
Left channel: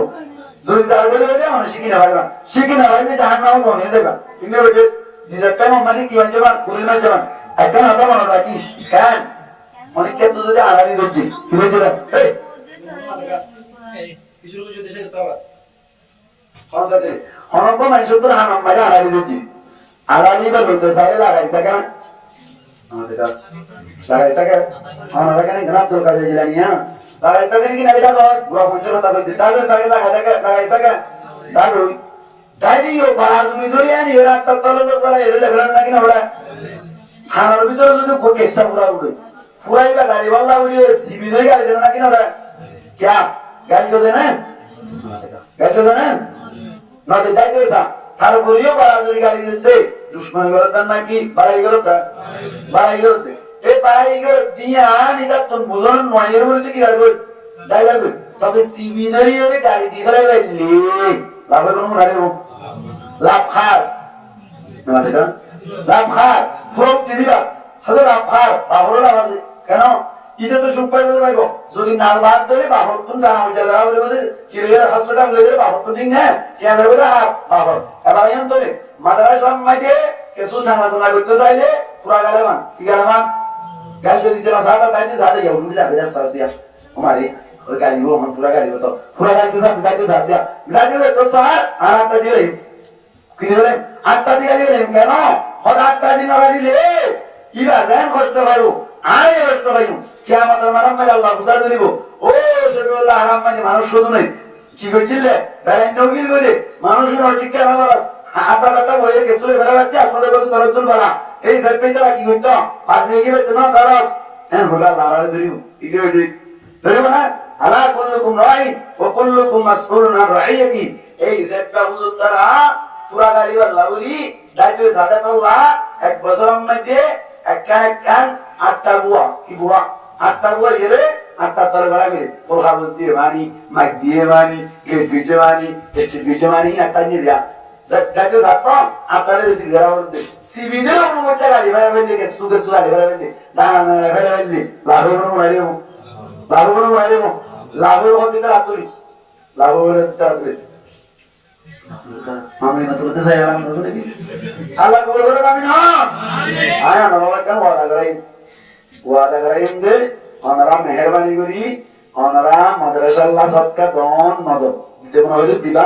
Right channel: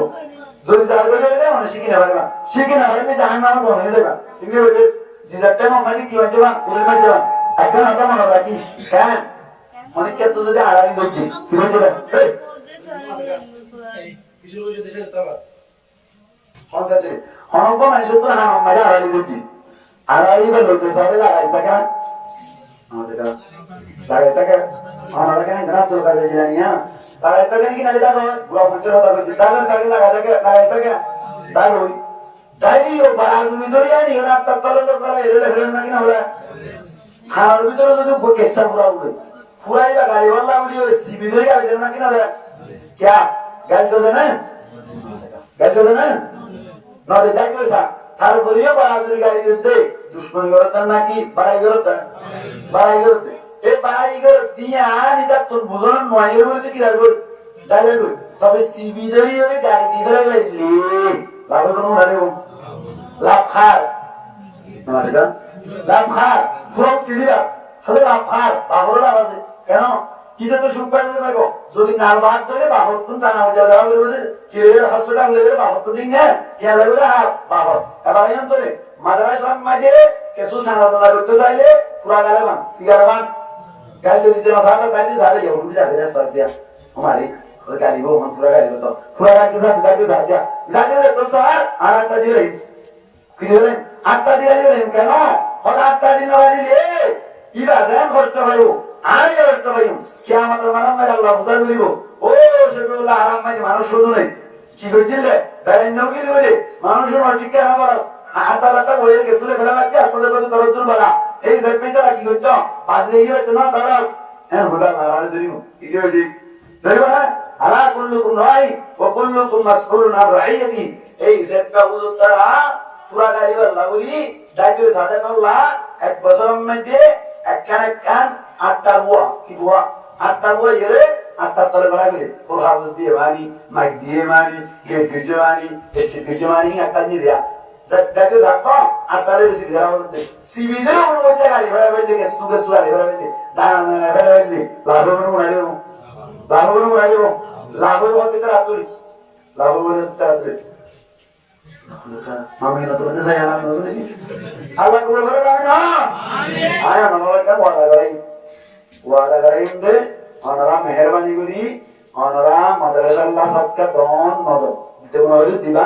যদি যার বলে ওইটা মানুষ শিখি না পারিবা শিখি না পারলে জাহান্নামে বনে যাবা কিন্তু ওইটা যেটা মানে কি হচ্ছে না কুড়ি মাস যাবা একটা না তো মনে রাখি কেন অনেক ক্ষেত্রে যদি আড়ালি ধরছি কি হচ্ছে না কিছু যদি শেষ পাবা হনসাতে হনক মানুষ তো হারাম মাঝে আড়ালি দিচ্ছি আড়ালি বা লোক সাইডে লাগাই থাকে না লাগাই থাকে আমরা কেন ঘাট তোর কাছে জানি না লাগাই থাকে নাকি না এটা বুড়া পঞ্চাশ কথা কইছে তাদের তাকে লাগাই থাকে তার ওই তাইও বাজুরি ধরে আনি এরা একটা তলে করে এরে ফেলেন নাকি না ওরা থানার ভিতরে যদি কেসটা পুরা উড়ে পুরাইবা গাড়ি বাল্লা উড়িয়ে সিবি ধরে গাড়ি দেন নাকি না क्या गाड़ी को देना है गाड़ी को देना है ना दे जाए कैसा थार बोलिए बराबरी गाड़ी देते दुश्मन करता ना कि बड़ाई करता ए बड़ाई कर दिया निदा तुम बुझो ना नॉयर बोलते कि यार कोई दाई कोई तब सीबी धरी है गाड़ी दी धरे भाई ले लाभे कौन उड़ा ले वो लाभ खार नमाज़ का लाभ खार पूरा उतरी बा हज़ार लाभ खार बाहरों लाभ से क्या ना इधर तो शुक्र बोले भाई को जो कि नालबाद तो ले बाहर तुम जाना हो जाएगा बोले किरेर हॉस्पिटल ले बाहर तुम नहीं है क्या ले बोला बाहर अब आये हम तो ले मदरसा में दे कैसो सांगा तो ना कुछ साइले पूरा गाले मान क्या मान गाल जो इतना सादा गाड़ी सादा ये उनके जाके जा सरसिया हमारी और गाड़ी वो हम पूरा गाड़ी तो पूरा गाड़ी के साथ दिया गाड़ी तो सर आठ का दिया किधर आठ का दिया ले क्या ना और आठ का दिन वाली ले ये बाजार खर्च भाई আরে রষ্ট ভাইও কিয়ামতের মানব মাঝে আল্লাহ বুঝার করিব ও শফিউল্লাহ হারাম মানে মানুষ শুধু নয় কি করছিলে গায়ন নগিল করে মানুষ ঠিক কেন করা আটা লাটা বইরে গেছলে ফেলা বাচ্চা আসলে কত তরজুল বালা এই সারপেইটা কি করতো পাঁচ দিয়ে গেছে না তারাস হ্যাঁ হোলা লারালে ধরিও ইদিও ঠিক ধরিব না আলা কুল্লুকুম রাই ওয়া কুল্লুকুম মাসউলুন আন রাইয়াতি এই সারপা হুজুর তারা পুরা গাড়ি আল্লাহ বলি দায়িত্ব সাদাতাল্লাহ এক বছরের মধ্যে একখান আটটা বুয়া কি বুয়া আটটা বুয়া এরে আটটা তলে গড়া করে ও হাউস দিয়ে মানি মাইক দিয়ে মানি গেট ভিজে মানি স্টেট ভিজে মানি একটা নিয়ে দেয়া যাকে যাতো আটটারে বেশি ঘেরা বলতে সিবিলে অনুমতি গাড়ি ভাড়া বলতে কে সুগে সুগে গাড়ি ভাড়া বলতে দাঁড়া ভাড়া বলতে লাভবান মারিও লাভের হতে আতুরি লাভ বলে তারপরে আমি না তোদের যাই আলাম না বলে আল্লাহ কবুল করে আমি না আয় না বাবা কেন ওয়াদা করাই যে ওনারা মেহেরবানি করি ওনারা মাদ্রাসা আল্লাহ সবকা দন নজর যেমন হইল দিবা